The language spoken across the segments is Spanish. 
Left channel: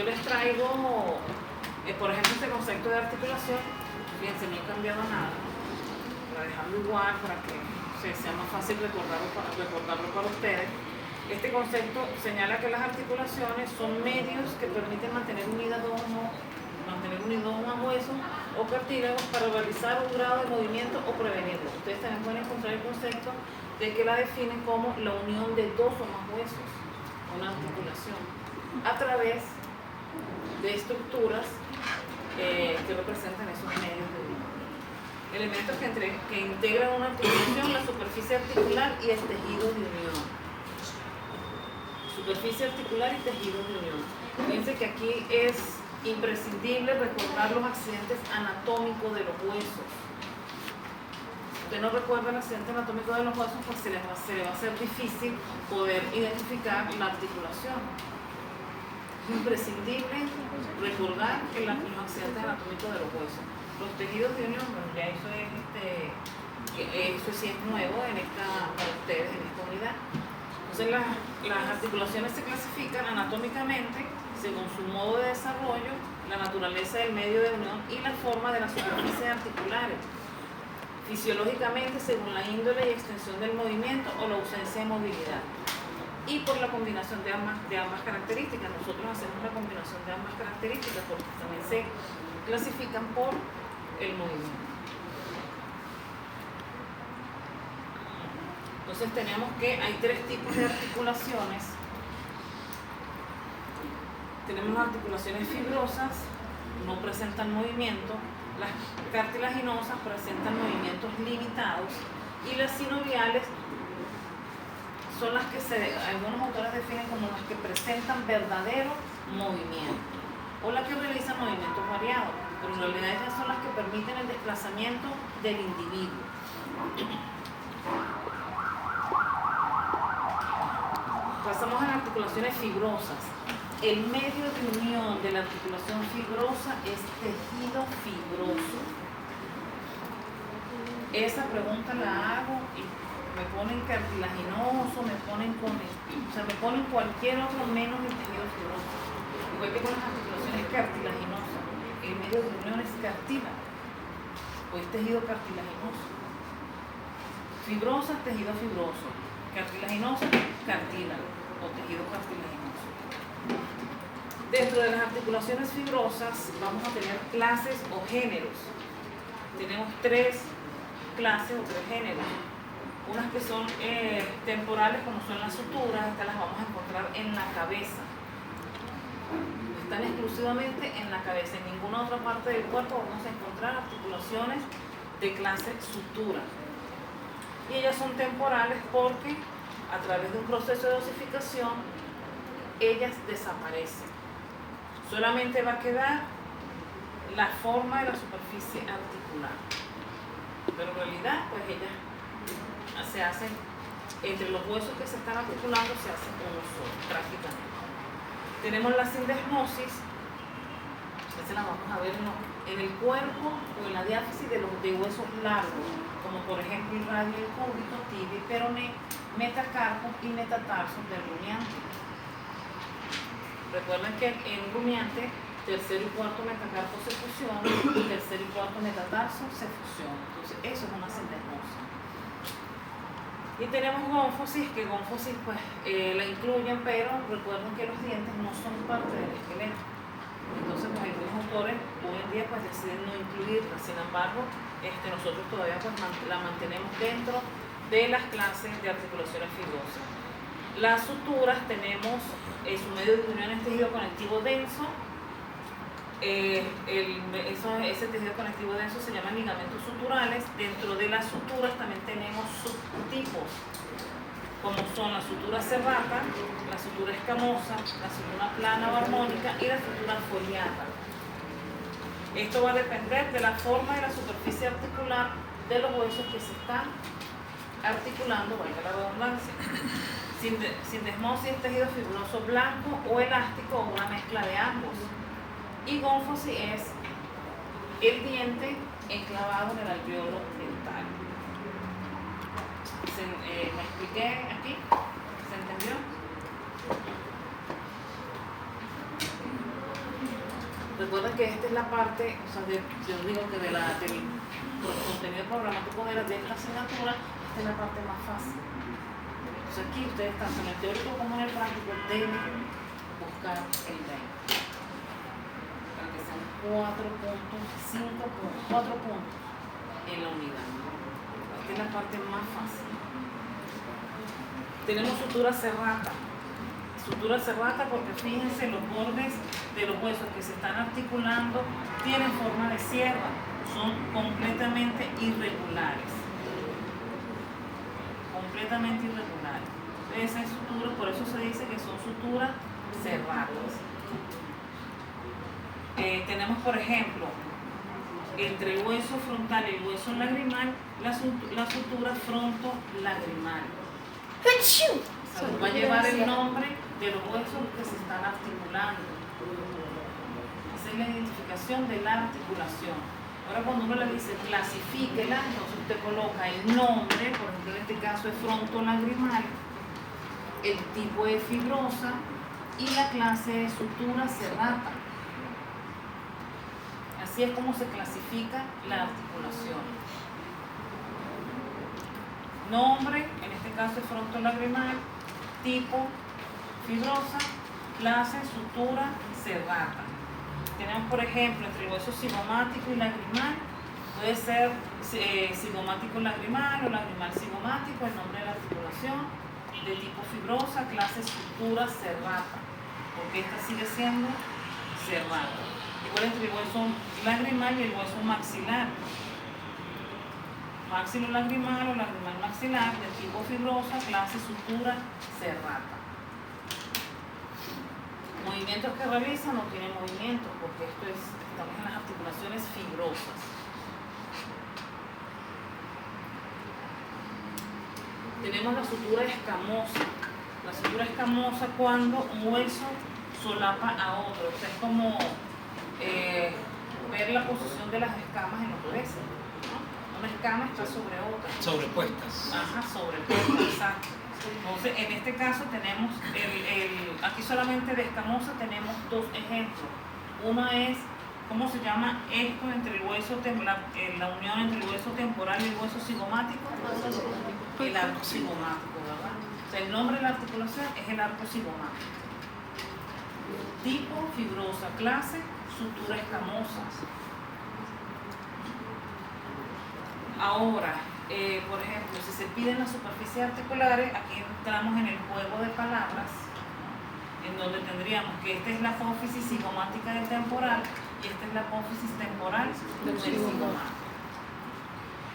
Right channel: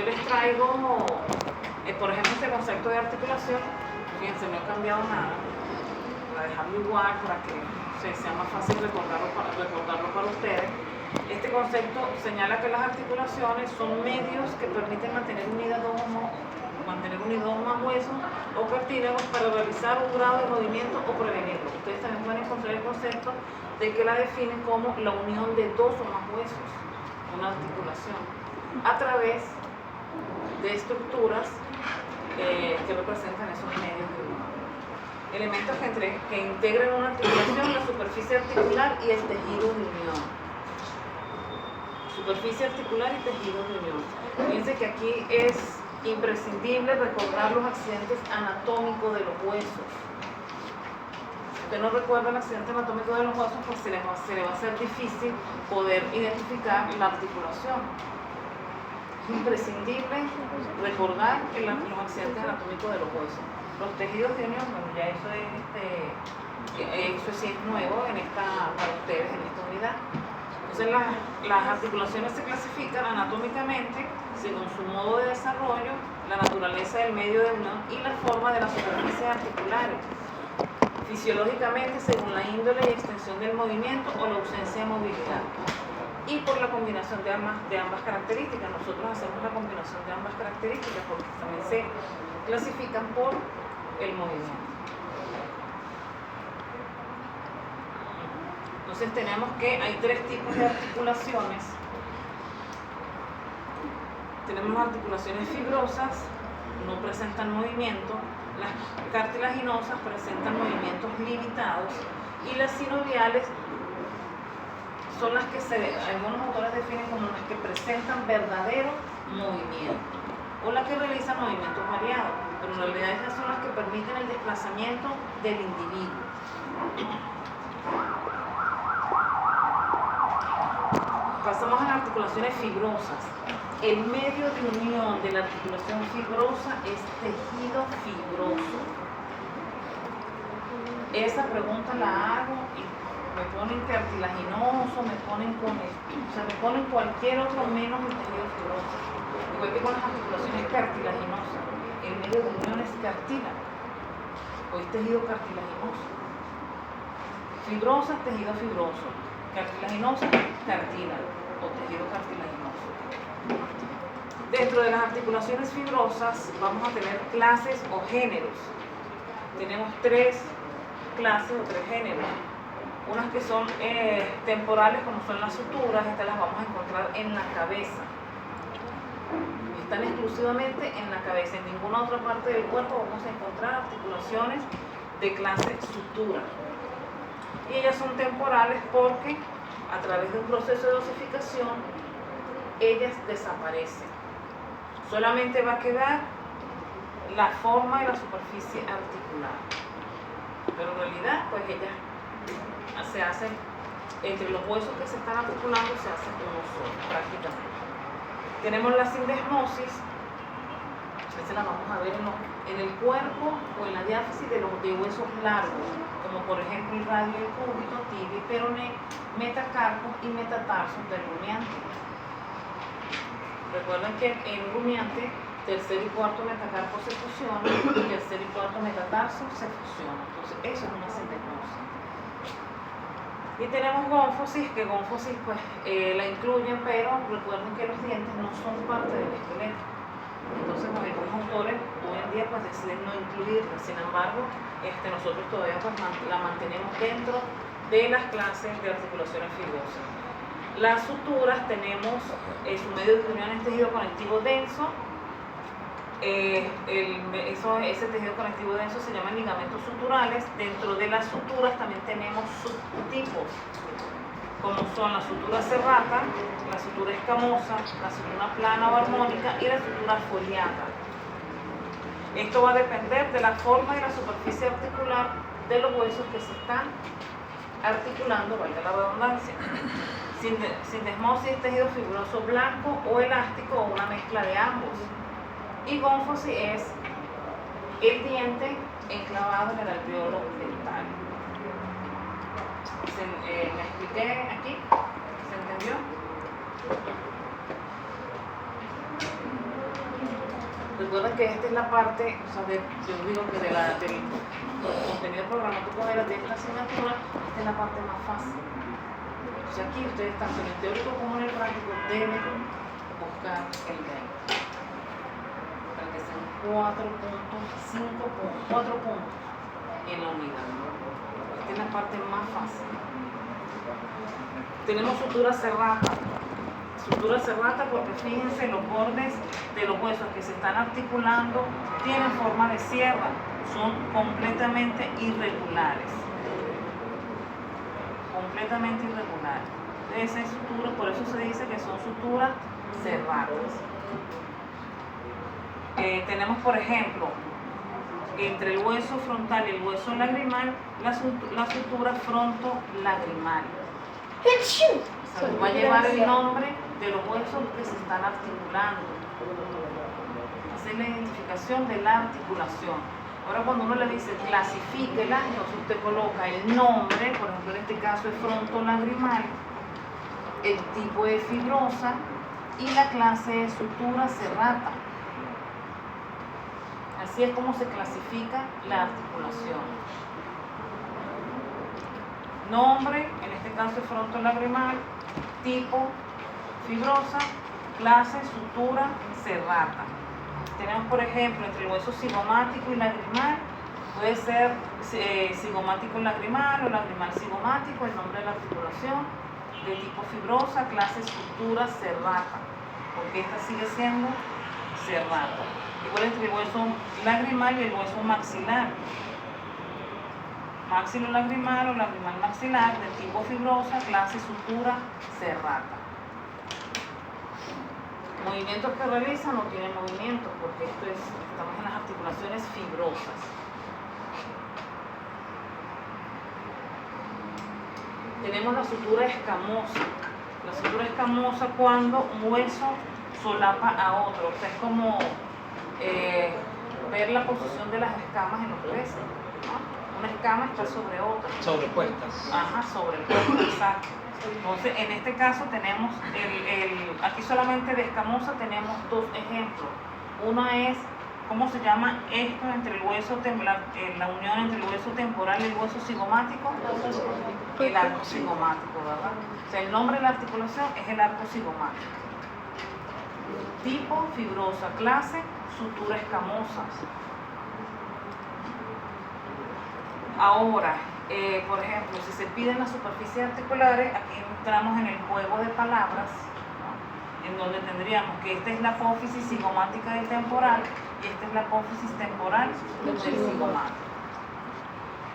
yo les traigo, por ejemplo, este concepto de articulación. Fíjense, no he cambiado nada, para dejarlo igual, para que sea más fácil recordarlo para ustedes. Este concepto señala que las articulaciones son medios que permiten mantener unidos a huesos o cartílagos para realizar un grado de movimiento o prevenirlo. Ustedes también pueden encontrar el concepto de que la definen como la unión de dos o más huesos, una articulación, a través de estructuras que representan esos medios de unión. Elementos que integran una articulación, la superficie articular y el tejido de unión. Superficie articular y tejido de unión. Fíjense que aquí es imprescindible recordar los accidentes anatómicos de los huesos. Si usted no recuerda el accidente anatómico de los huesos, pues se le va a hacer difícil poder identificar la articulación. Es imprescindible recordar los accidentes anatómicos de los huesos. Los tejidos de unión, bueno, ya eso sí es nuevo para ustedes en esta unidad. Entonces las articulaciones se clasifican anatómicamente según su modo de desarrollo, la naturaleza del medio de unión y la forma de las superficies articulares. Fisiológicamente según la índole y extensión del movimiento o la ausencia de movilidad. Y por la combinación de ambas características. Nosotros hacemos la combinación de ambas características porque también se clasifican por el movimiento. Entonces tenemos que hay tres tipos de articulaciones. Tenemos articulaciones fibrosas, no presentan movimiento. Las cartilaginosas presentan movimientos limitados. Y las sinoviales son las que algunos autores definen como las que presentan verdadero movimiento o las que realizan movimientos variados, pero en realidad esas son las que permiten el desplazamiento del individuo. Pasamos a las articulaciones fibrosas. El medio de unión de la articulación fibrosa es tejido fibroso. Esa pregunta la hago y me ponen cartilaginoso, me ponen me ponen cualquier otro menos el tejido fibroso. Igual que con las articulaciones cartilaginosas, el medio de unión es cartílago o es tejido cartilaginoso. Fibrosa, tejido fibroso. Cartilaginosa, cartílago o tejido cartilaginoso. Dentro de las articulaciones fibrosas vamos a tener clases o géneros. Tenemos tres clases o tres géneros. Unas que son temporales, como son las suturas, estas las vamos a encontrar en la cabeza. Están exclusivamente en la cabeza, en ninguna otra parte del cuerpo vamos a encontrar articulaciones de clase sutura. Y ellas son temporales porque a través de un proceso de osificación ellas desaparecen. Solamente va a quedar la forma de la superficie articular. Pero en realidad, pues ellas se hacen, entre los huesos que se están articulando, se hacen uno solo, prácticamente. Tenemos la sindesmosis, esta la vamos a ver en el cuerpo o en la diáfisis de huesos largos, como por ejemplo el radio y el cúbito, tibia y peroné, metacarpo y metatarso del rumiante. Recuerden que en un rumiante, tercer y cuarto metacarpo se fusionan y tercer y cuarto metatarso se fusionan. Entonces, eso es una sindesmosis. Y tenemos gónfosis, que gónfosis pues la incluyen, pero recuerden que los dientes no son parte del esqueleto. Entonces algunos autores hoy en día pues deciden no incluirla. Sin embargo, nosotros todavía pues, la mantenemos dentro de las clases de articulaciones fibrosas. Las suturas tenemos su medio de unión es tejido conectivo denso. Ese tejido conectivo denso se llaman ligamentos suturales. Dentro de las suturas también tenemos subtipos, como son la sutura serrata, la sutura escamosa, la sutura plana o armónica y la sutura foliata. Esto va a depender de la forma y la superficie articular de los huesos que se están articulando, valga la redundancia. Sindesmosis es tejido fibroso blanco o elástico o una mezcla de ambos. Y gónfosis es el diente enclavado en el alveolo dental. ¿Me expliqué aquí? ¿Se entendió? Recuerda que esta es la parte, o sea, yo digo que del contenido del programa, tú coges de esta asignatura, esta es la parte más fácil. Entonces aquí ustedes tanto en el teórico como en el práctico deben buscar el game. Para que sean 4 puntos, 5 puntos, 4 puntos en la unidad. Esta es la parte más fácil. Tenemos sutura serrata. Sutura serrata porque fíjense los bordes de los huesos que se están articulando tienen forma de sierra, son completamente irregulares. Completamente irregulares. Esa es sutura, por eso se dice que son suturas serratas. Tenemos, por ejemplo, entre el hueso frontal y el hueso lagrimal, la sutura fronto-lagrimal. O sea, va a llevar el nombre de los huesos que se están articulando. Esa es la identificación de la articulación. Ahora cuando uno le dice clasifíquela, entonces usted coloca el nombre, por ejemplo en este caso es fronto-lagrimal, el tipo de fibrosa y la clase de sutura serrata. Así es como se clasifica la articulación. Nombre, en este caso es fronto-lagrimal, tipo fibrosa, clase, sutura, serrata. Tenemos, por ejemplo, entre el hueso cigomático y lagrimal, puede ser cigomático lagrimal o lagrimal cigomático, el nombre de la articulación, de tipo fibrosa, clase, sutura, serrata, porque esta sigue siendo serrata. Igual entre el hueso lagrimal y el hueso maxilar. Maxilolagrimal o lagrimal maxilar, de tipo fibrosa, clase, sutura, serrata. Movimientos que realizan no tienen movimientos porque estamos en las articulaciones fibrosas. Tenemos la sutura escamosa. La sutura escamosa cuando un hueso solapa a otro. O sea, es como ver la posición de las escamas en los huesos, ¿no? Una escama está sobre otra. Sobrepuestas. Ajá, sobrepuestas, exacto. Entonces, en este caso tenemos, aquí solamente de escamosa tenemos dos ejemplos. Uno es, ¿cómo se llama esto entre el hueso, la unión entre el hueso temporal y el hueso cigomático? El arco cigomático, ¿verdad? O sea, el nombre de la articulación es el arco cigomático. Tipo, fibrosa, clase, sutura escamosa. Ahora, por ejemplo, si se piden las superficies articulares, aquí entramos en el juego de palabras, ¿no? En donde tendríamos que esta es la apófisis cigomática del temporal y esta es la apófisis temporal del cigomático.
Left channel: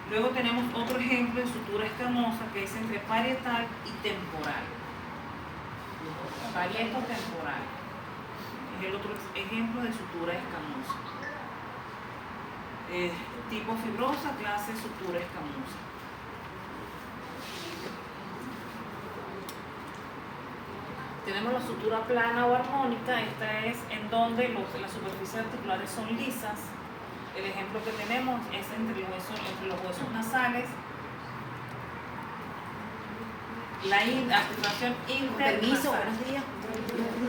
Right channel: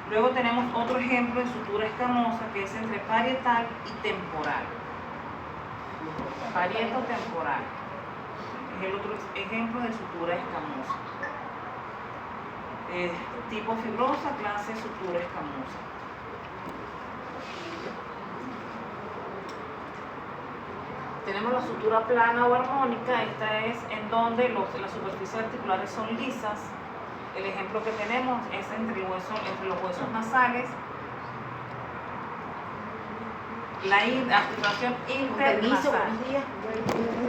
Luego tenemos otro ejemplo de sutura escamosa que es entre parietal y temporal. Parieto-temporal es el otro ejemplo de sutura escamosa. Tipo fibrosa, clase sutura escamosa. Tenemos la sutura plana o armónica. Esta es en donde las superficies articulares son lisas. El ejemplo que tenemos es entre los huesos nasales, la articulación internasal. Permiso, buenos días.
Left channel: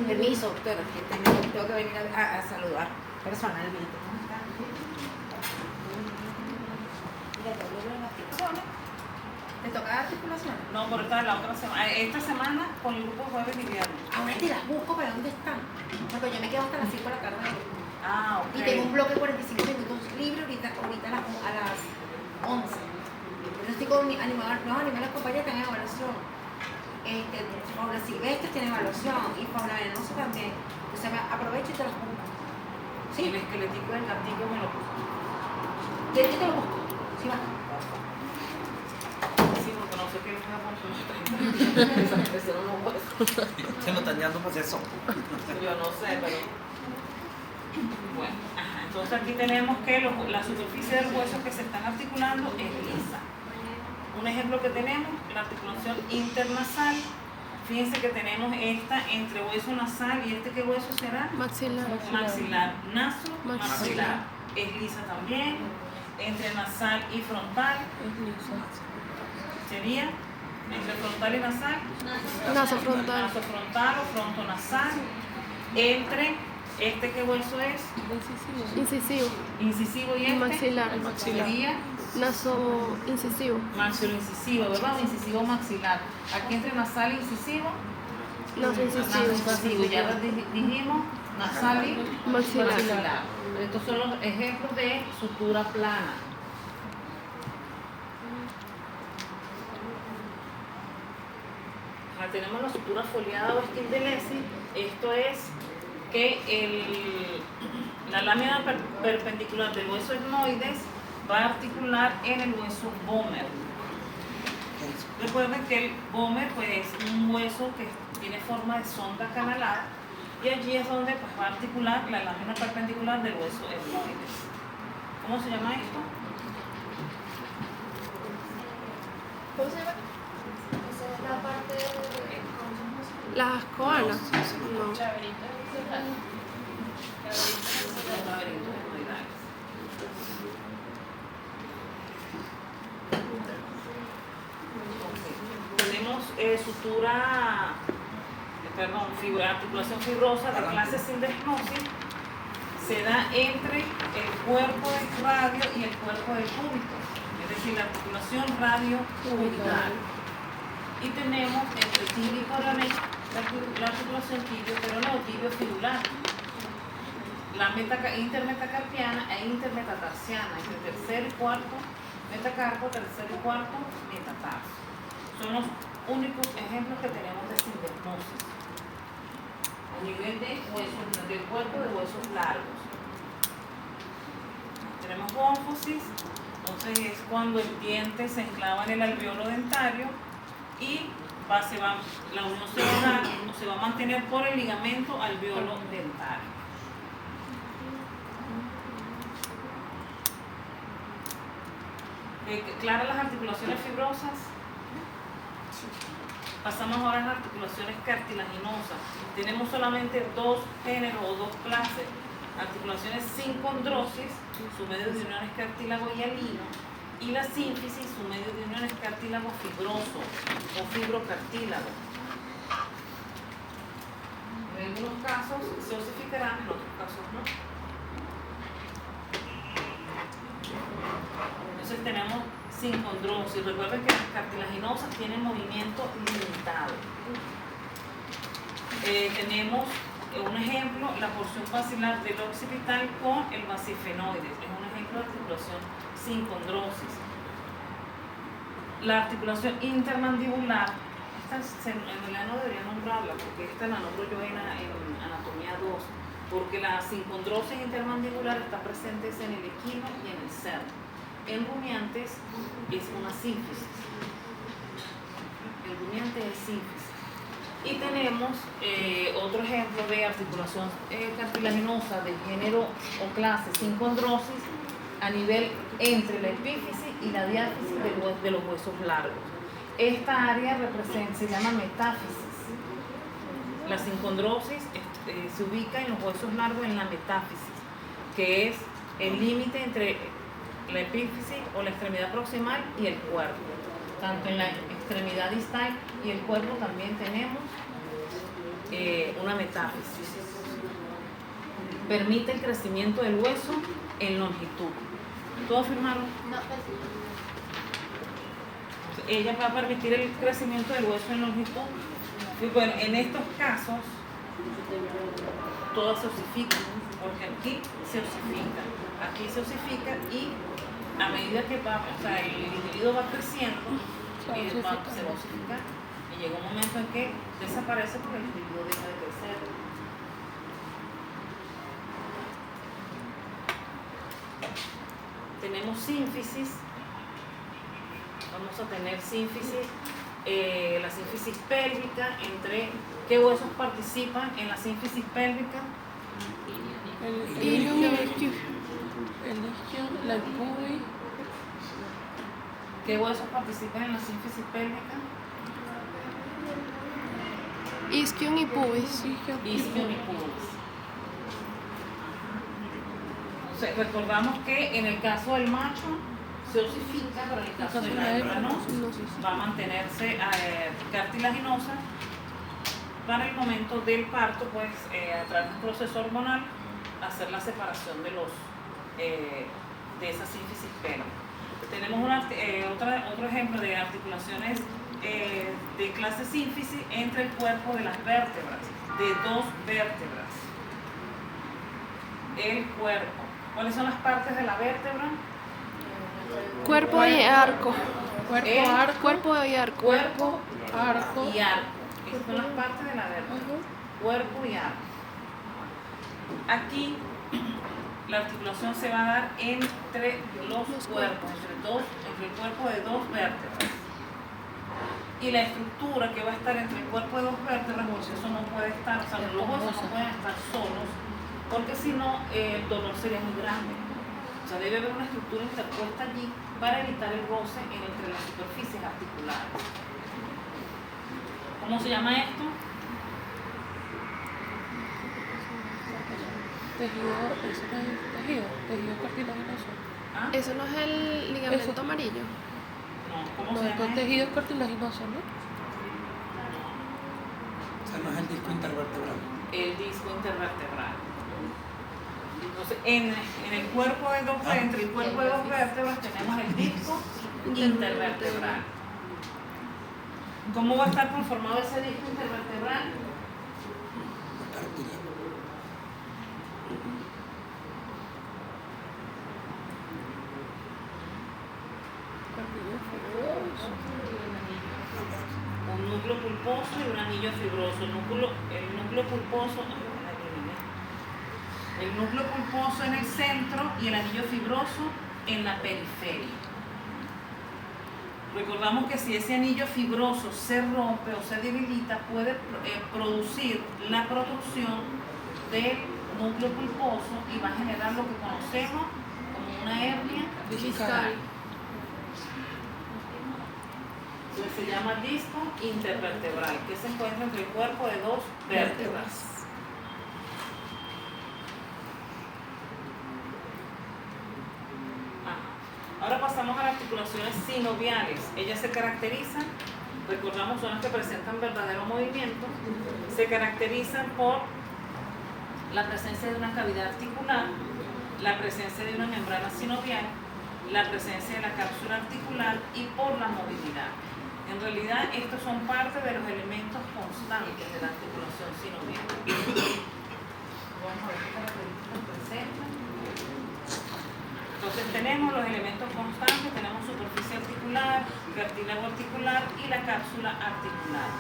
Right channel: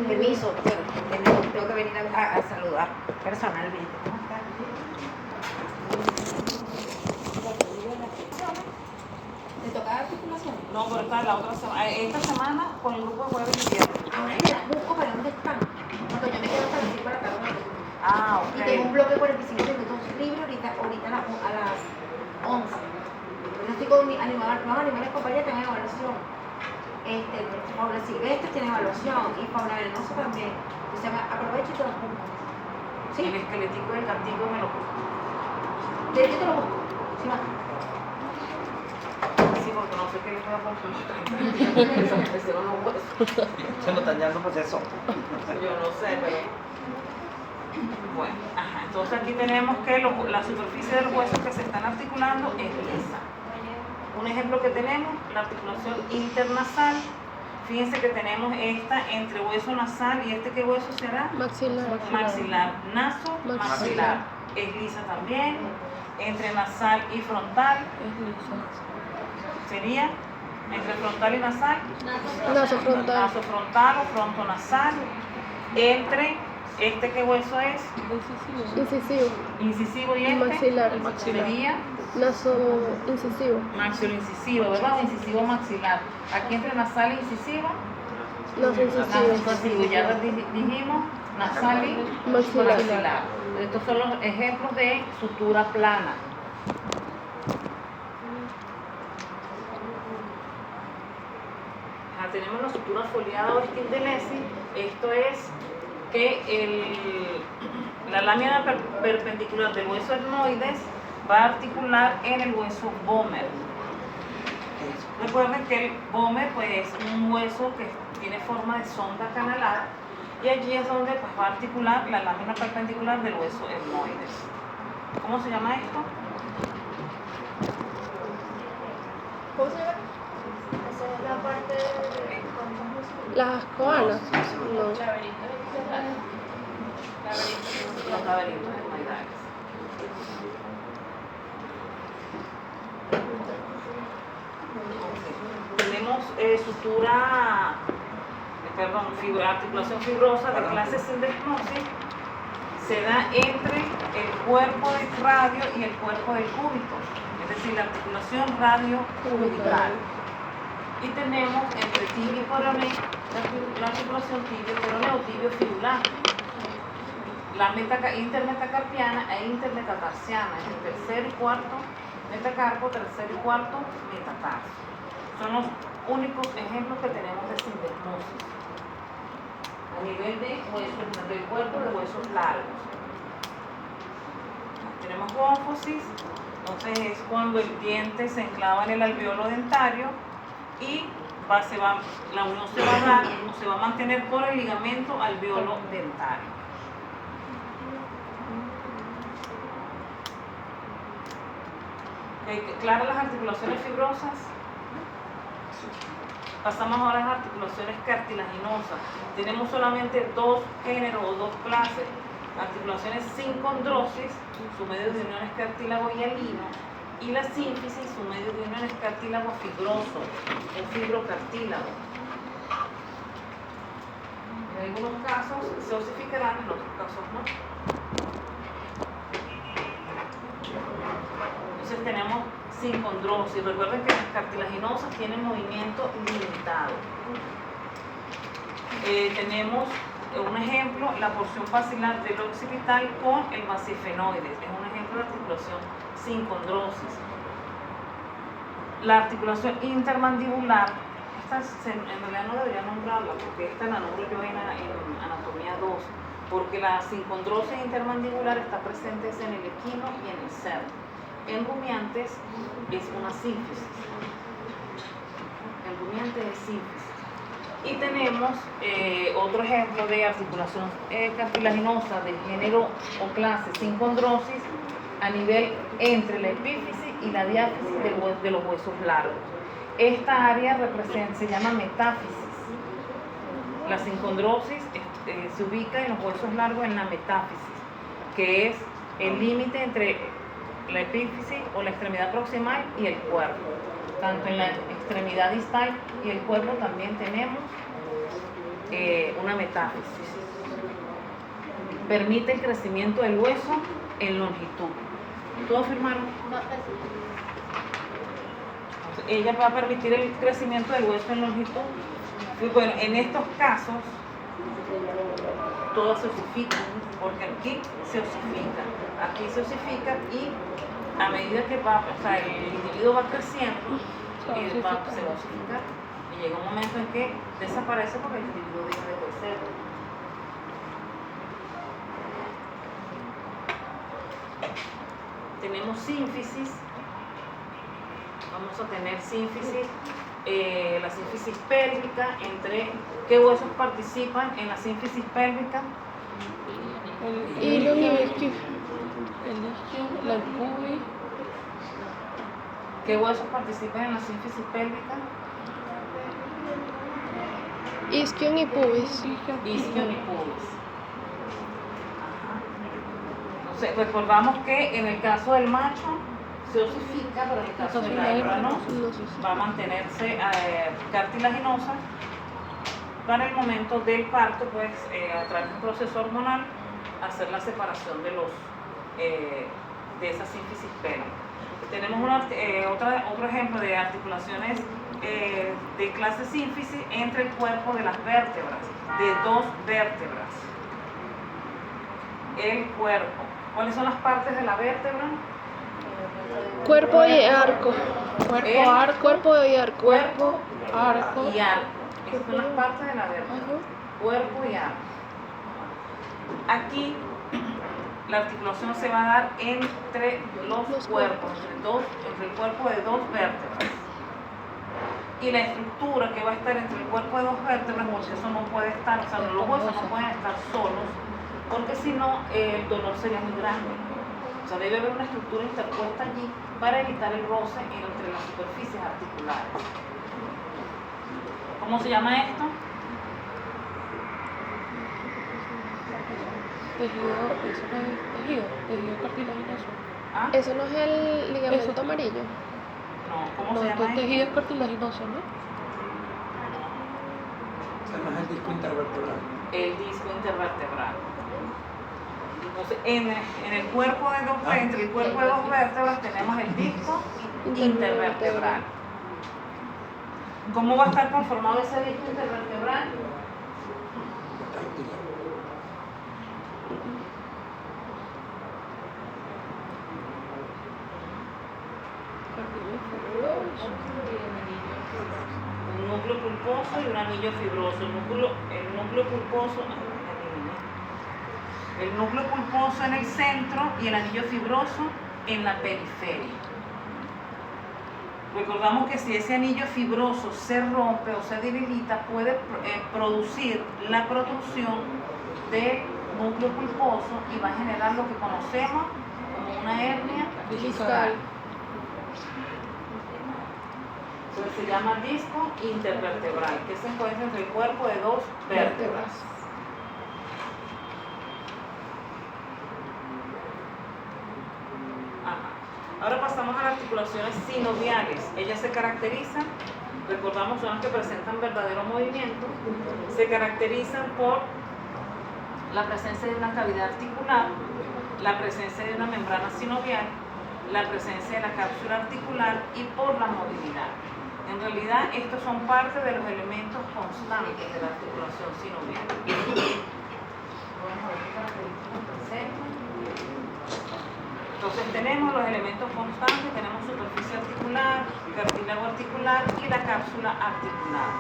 Permiso, tengo que venir a saludar personalmente. ¿Cómo estás? ¿Te toca articulaciones? No, pero esta es la otra semana. Esta semana con el grupo de jueves y viernes. Ahora te las busco, ¿para dónde están? Porque yo me quedo hasta las 5 de la tarde. Ah, ok. Y tengo un bloque de 45 minutos libre ahorita a las 11. Yo estoy con nuevos animales compañeros que están en evaluación. Fauna silvestre tiene evaluación y fauna venenosa también. O sea, aprovecho y te los busco. Sí. El esquelético del cartillo me lo puso. ¿Quieres que te lo busco? Sí, va. Sí, porque no sé qué les voy a consultar. Se lo están dando pues eso. Yo no sé, pero... Bueno, ajá. Entonces aquí tenemos que la superficie del hueso que se están articulando es lisa. Un ejemplo que tenemos, la articulación internasal. Fíjense que tenemos esta entre hueso nasal y ¿qué hueso será? Maxilar. Maxilar. Naso, maxilar. Es lisa también. Entre nasal y frontal. Sería entre frontal y nasal. Naso frontal. Naso frontal o frontonasal. Entre ¿Este qué hueso es? Incisivo. Incisivo, y este Maxilar. sería Naso incisivo. maxiloincisivo, ¿verdad? Incisivo maxilar. Aquí entre nasal e incisivo, Naso incisivo. nasal incisivo. Ya dijimos nasal y Maxilar. maxilar. Estos son los ejemplos de sutura plana. Tenemos la sutura foliada o Schindleresi. Esto es que la lámina perpendicular del hueso etmoides va a articular en el hueso vomer. Recuerden que el vomer pues, es un hueso que tiene forma de sonda canalar y allí es donde pues, va a articular la lámina perpendicular del hueso etmoides. ¿Cómo se llama esto? ¿Cómo se llama? Esa es la parte de Las coanas. No. Los laberintos etmoidales. Tenemos articulación fibrosa de clase sindesmosis. Se da entre el cuerpo del radio y el cuerpo del cúbito, es decir, la articulación radio-cubital. Y tenemos entre tibio y coroné la articulación tibio-coroné o tibio-fibular. La intermetacarpiana e intermetatarsiana, entre tercer y cuarto metacarpo, tercer y cuarto metatarso. Son los únicos ejemplos que tenemos de sindesmosis a nivel de huesos, del cuerpo de huesos largos. Tenemos gónfosis, entonces es cuando el diente se enclava en el alveolo dentario y la unión se va a dar o se va a mantener por el ligamento alveolo dentario. ¿Claras las articulaciones fibrosas? Pasamos ahora a las articulaciones cartilaginosas. Tenemos solamente dos géneros o dos clases. Articulaciones sin condrosis, su medio de unión es cartílago hialino, y la sínfisis, su medio de unión es cartílago fibroso o fibrocartílago. En algunos casos se osificarán, en otros casos no. Entonces tenemos sin condrosis. Recuerden que las cartilaginosas tienen movimiento limitado. Tenemos un ejemplo, la porción basilar del occipital con el basifenoides. Es un ejemplo de articulación sin condrosis. La articulación intermandibular, esta en realidad no debería nombrarla porque esta la nombro yo en anatomía 2, porque la sincondrosis intermandibular está presente en el equino y en el cerdo. En rumiantes es una sínfisis. En rumiantes es sínfisis. Y tenemos otro ejemplo de articulación cartilaginosa del género o clase sincondrosis a nivel entre la epífisis y la diáfisis de los huesos largos. Esta área se llama metáfisis. La sincondrosis se ubica en los huesos largos en la metáfisis, que es el límite entre la epífisis o la extremidad proximal y el cuerpo. Tanto en la extremidad distal y el cuerpo también tenemos una metáfisis. Permite el crecimiento del hueso en longitud. ¿Todos firmaron? No, Ella va a permitir el crecimiento del hueso en longitud. Y bueno, en estos casos, todas se osifican, porque aquí se osifica, aquí se osifica y a medida que el individuo va creciendo, se va a osificar. Y llega un momento en que desaparece porque el individuo deja de crecer. Tenemos sínfisis. Vamos a tener sínfisis, la sínfisis pélvica. ¿Entre qué huesos participan en la sínfisis pélvica? El ilion y el isquio. El isquio, la pubis. ¿Qué huesos participan en la sínfisis pélvica? Isquion y pubis. Isquion y pubis. Entonces, recordamos que en el caso del macho se osifica, pero en el caso de la hembra no. Va a mantenerse cartilaginosa para el momento del parto, pues a través de un proceso hormonal, hacer la separación de de esa sínfisis pera. Tenemos otro ejemplo de articulaciones de clase sínfisis entre el cuerpo de las vértebras, de dos vértebras. El cuerpo. ¿Cuáles son las partes de la vértebra? Cuerpo y arco. El Arco. Cuerpo y arco. Cuerpo Arco. y arco. Estas son las partes de la vértebra. Ajá. Cuerpo y arco. Aquí la articulación se va a dar entre los cuerpos, entre el cuerpo de dos vértebras. Y la estructura que va a estar entre el cuerpo de dos vértebras, porque eso no puede estar, o sea, los huesos no pueden estar solos, porque si no el dolor sería muy grande. O sea, debe haber una estructura interpuesta allí para evitar el roce entre las superficies articulares. ¿Cómo se llama esto? Tejido, eso no es tejido cartilaginoso. ¿Ah? Eso no es el ligamento Eso. amarillo. No, ¿cómo No, se esto llama es esto? tejido cartilaginoso, ¿no? O sea, no es el disco intervertebral. El disco intervertebral. Entonces, en el cuerpo de dos, entre el cuerpo de dos vértebras tenemos el disco intervertebral. ¿Cómo va a estar conformado ese disco intervertebral? Cartílago. Un núcleo pulposo y un anillo fibroso. El núcleo pulposo, el núcleo pulposo en el centro y el anillo fibroso en la periferia. Recordamos que si ese anillo fibroso se rompe o se debilita, puede producir la producción del núcleo pulposo y va a generar lo que conocemos como una hernia discal. Entonces se llama disco intervertebral, que se encuentra entre el cuerpo de dos vértebras. Ajá. Ahora pasamos a las articulaciones sinoviales. Ellas se caracterizan, recordamos, son las que presentan verdadero movimiento, se caracterizan por la presencia de una cavidad articular, la presencia de una membrana sinovial, la presencia de la cápsula articular y por la movilidad. En realidad, estos son parte de los elementos constantes de la articulación sinovial. Vamos a ver qué características presentan. Entonces tenemos los elementos constantes, tenemos superficie articular, cartílago articular y la cápsula articular.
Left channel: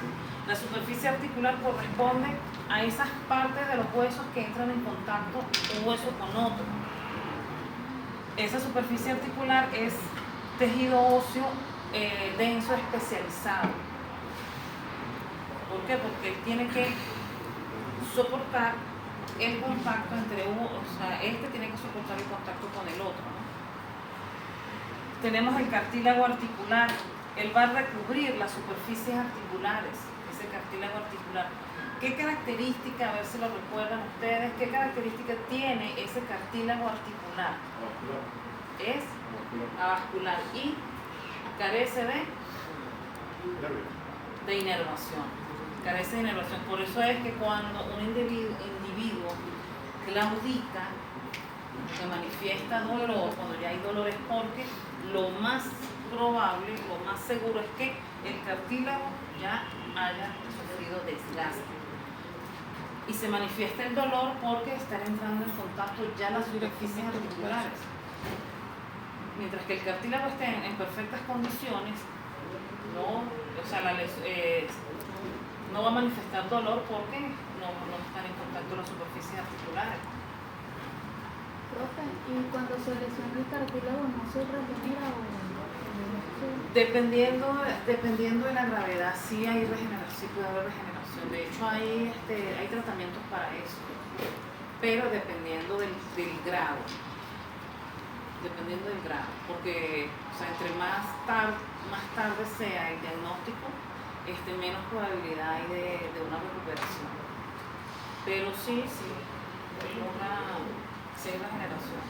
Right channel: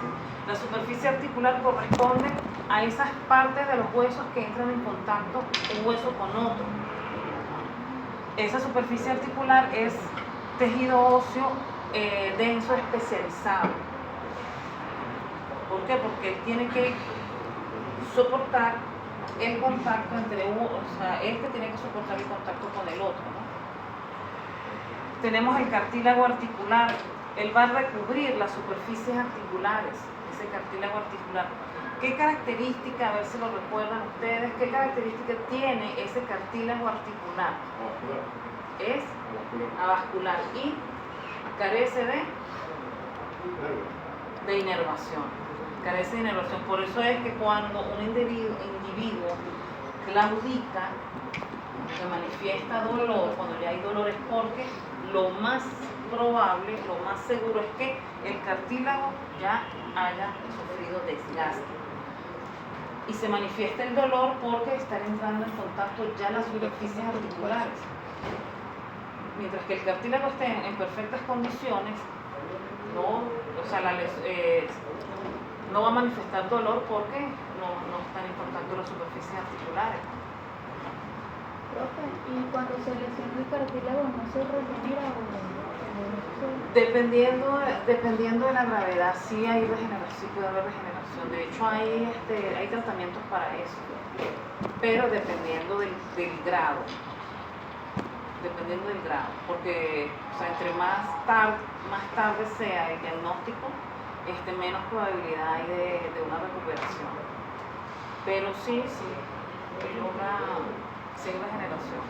La superficie articular corresponde a esas partes de los huesos que entran en contacto un hueso con otro. Esa superficie articular es tejido óseo denso especializado. ¿Por qué? Porque él tiene que soportar el contacto entre uno, o sea, este tiene que soportar el contacto con el otro, ¿no? Tenemos el cartílago articular, él va a recubrir las superficies articulares, ese cartílago articular. ¿Qué característica, a ver si lo recuerdan ustedes, qué característica tiene ese cartílago articular? Es avascular y carece de inervación. Carece de inervación. Por eso es que cuando un individuo claudica, se manifiesta dolor, cuando ya hay dolor es porque lo más probable, lo más seguro es que el cartílago ya haya sufrido desgaste. Y se manifiesta el dolor porque están entrando en contacto ya las superficies articulares. Mientras que el cartílago esté en perfectas condiciones, no va a manifestar dolor porque no están en contacto las superficies articulares. Profe, ¿y cuando se lesiona el cartílago no se regenera o no? Dependiendo de la gravedad, sí hay regeneración, sí puede haber regeneración. De hecho, hay tratamientos para eso, pero dependiendo del grado. Dependiendo del grado, porque o sea, entre más tarde sea el diagnóstico, menos probabilidad hay de una recuperación. Pero sí hay regeneración.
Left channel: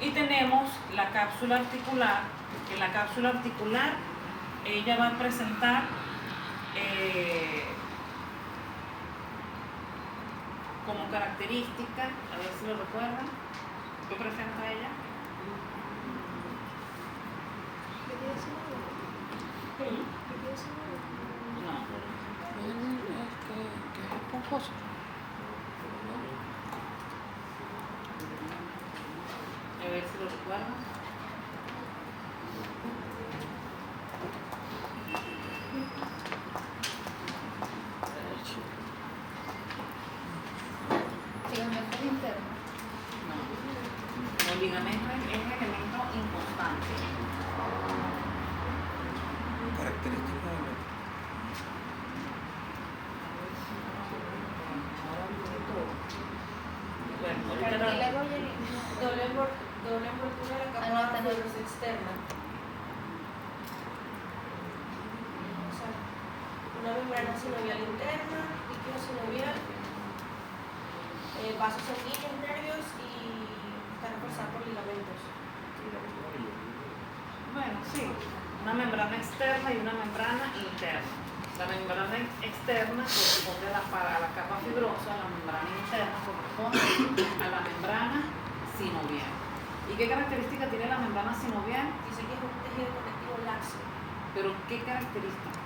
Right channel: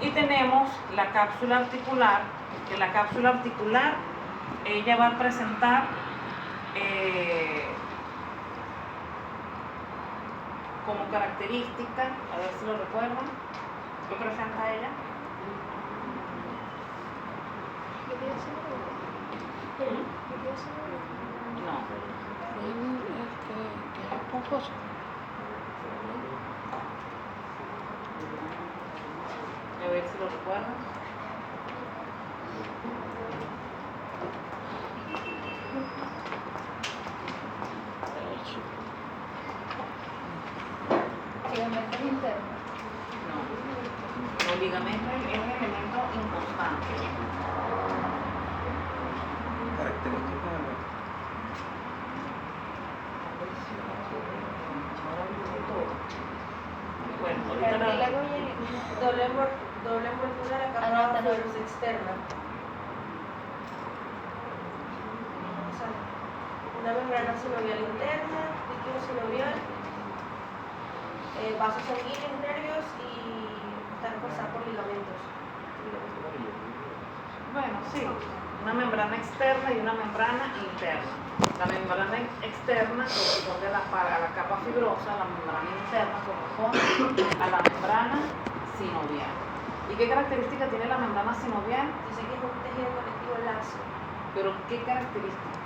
Y tenemos la cápsula articular, que la cápsula articular ella va a presentar como característica, a ver si lo recuerdan, ¿qué presenta ella? No. Es esponjoso. A ver si lo recuerdan. Ligamentos internos. No. El ligamento es un elemento inconstante. Característico de la- Bueno, ahorita Cartílago y el Doble envoltura de la capa Anótalo. fibrosa externa. O sea, una membrana sinovial interna, líquido sinovial, vasos sanguíneos, nervios y está reforzada por ligamentos. bueno, sí, una membrana externa y una membrana interna. La membrana externa corresponde a la capa fibrosa, la membrana interna corresponde a la membrana sinovial. ¿Y qué característica tiene la membrana sinovial? Dice que es un tejido conectivo laxo, Pero ¿qué característica?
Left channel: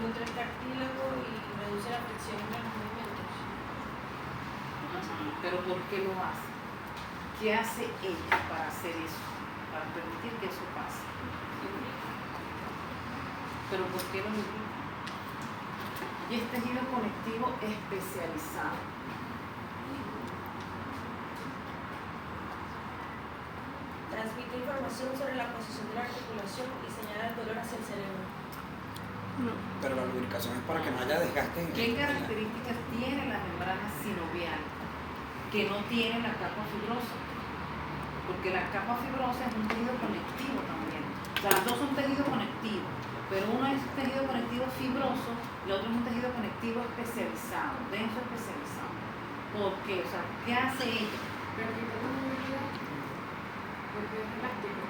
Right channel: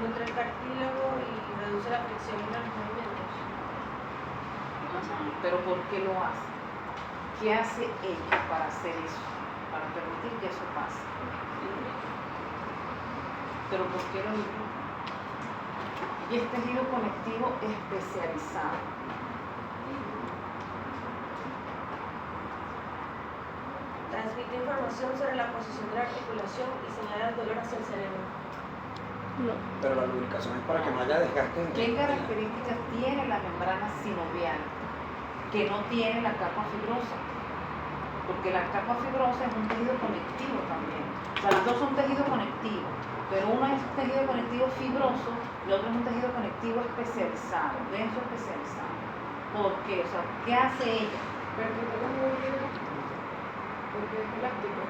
nutre el cartílago y reduce la fricción entre los movimientos. Pero ¿por qué lo hace? ¿Qué hace ella para hacer eso? Para permitir que eso pase. Pero ¿por qué lo mismo? Y es tejido conectivo especializado. Transmite información sobre la posición de la articulación y señala el dolor hacia el cerebro. No. Pero la lubricación es para que no haya desgaste en ¿Qué características tiene la membrana sinovial que no tiene la capa fibrosa? Porque la capa fibrosa es un tejido conectivo también. O sea, los dos son tejidos conectivos, pero uno es tejido conectivo fibroso y otro es un tejido conectivo especializado, denso especializado. ¿Por qué? O sea, ¿qué hace ella? Porque es elástico.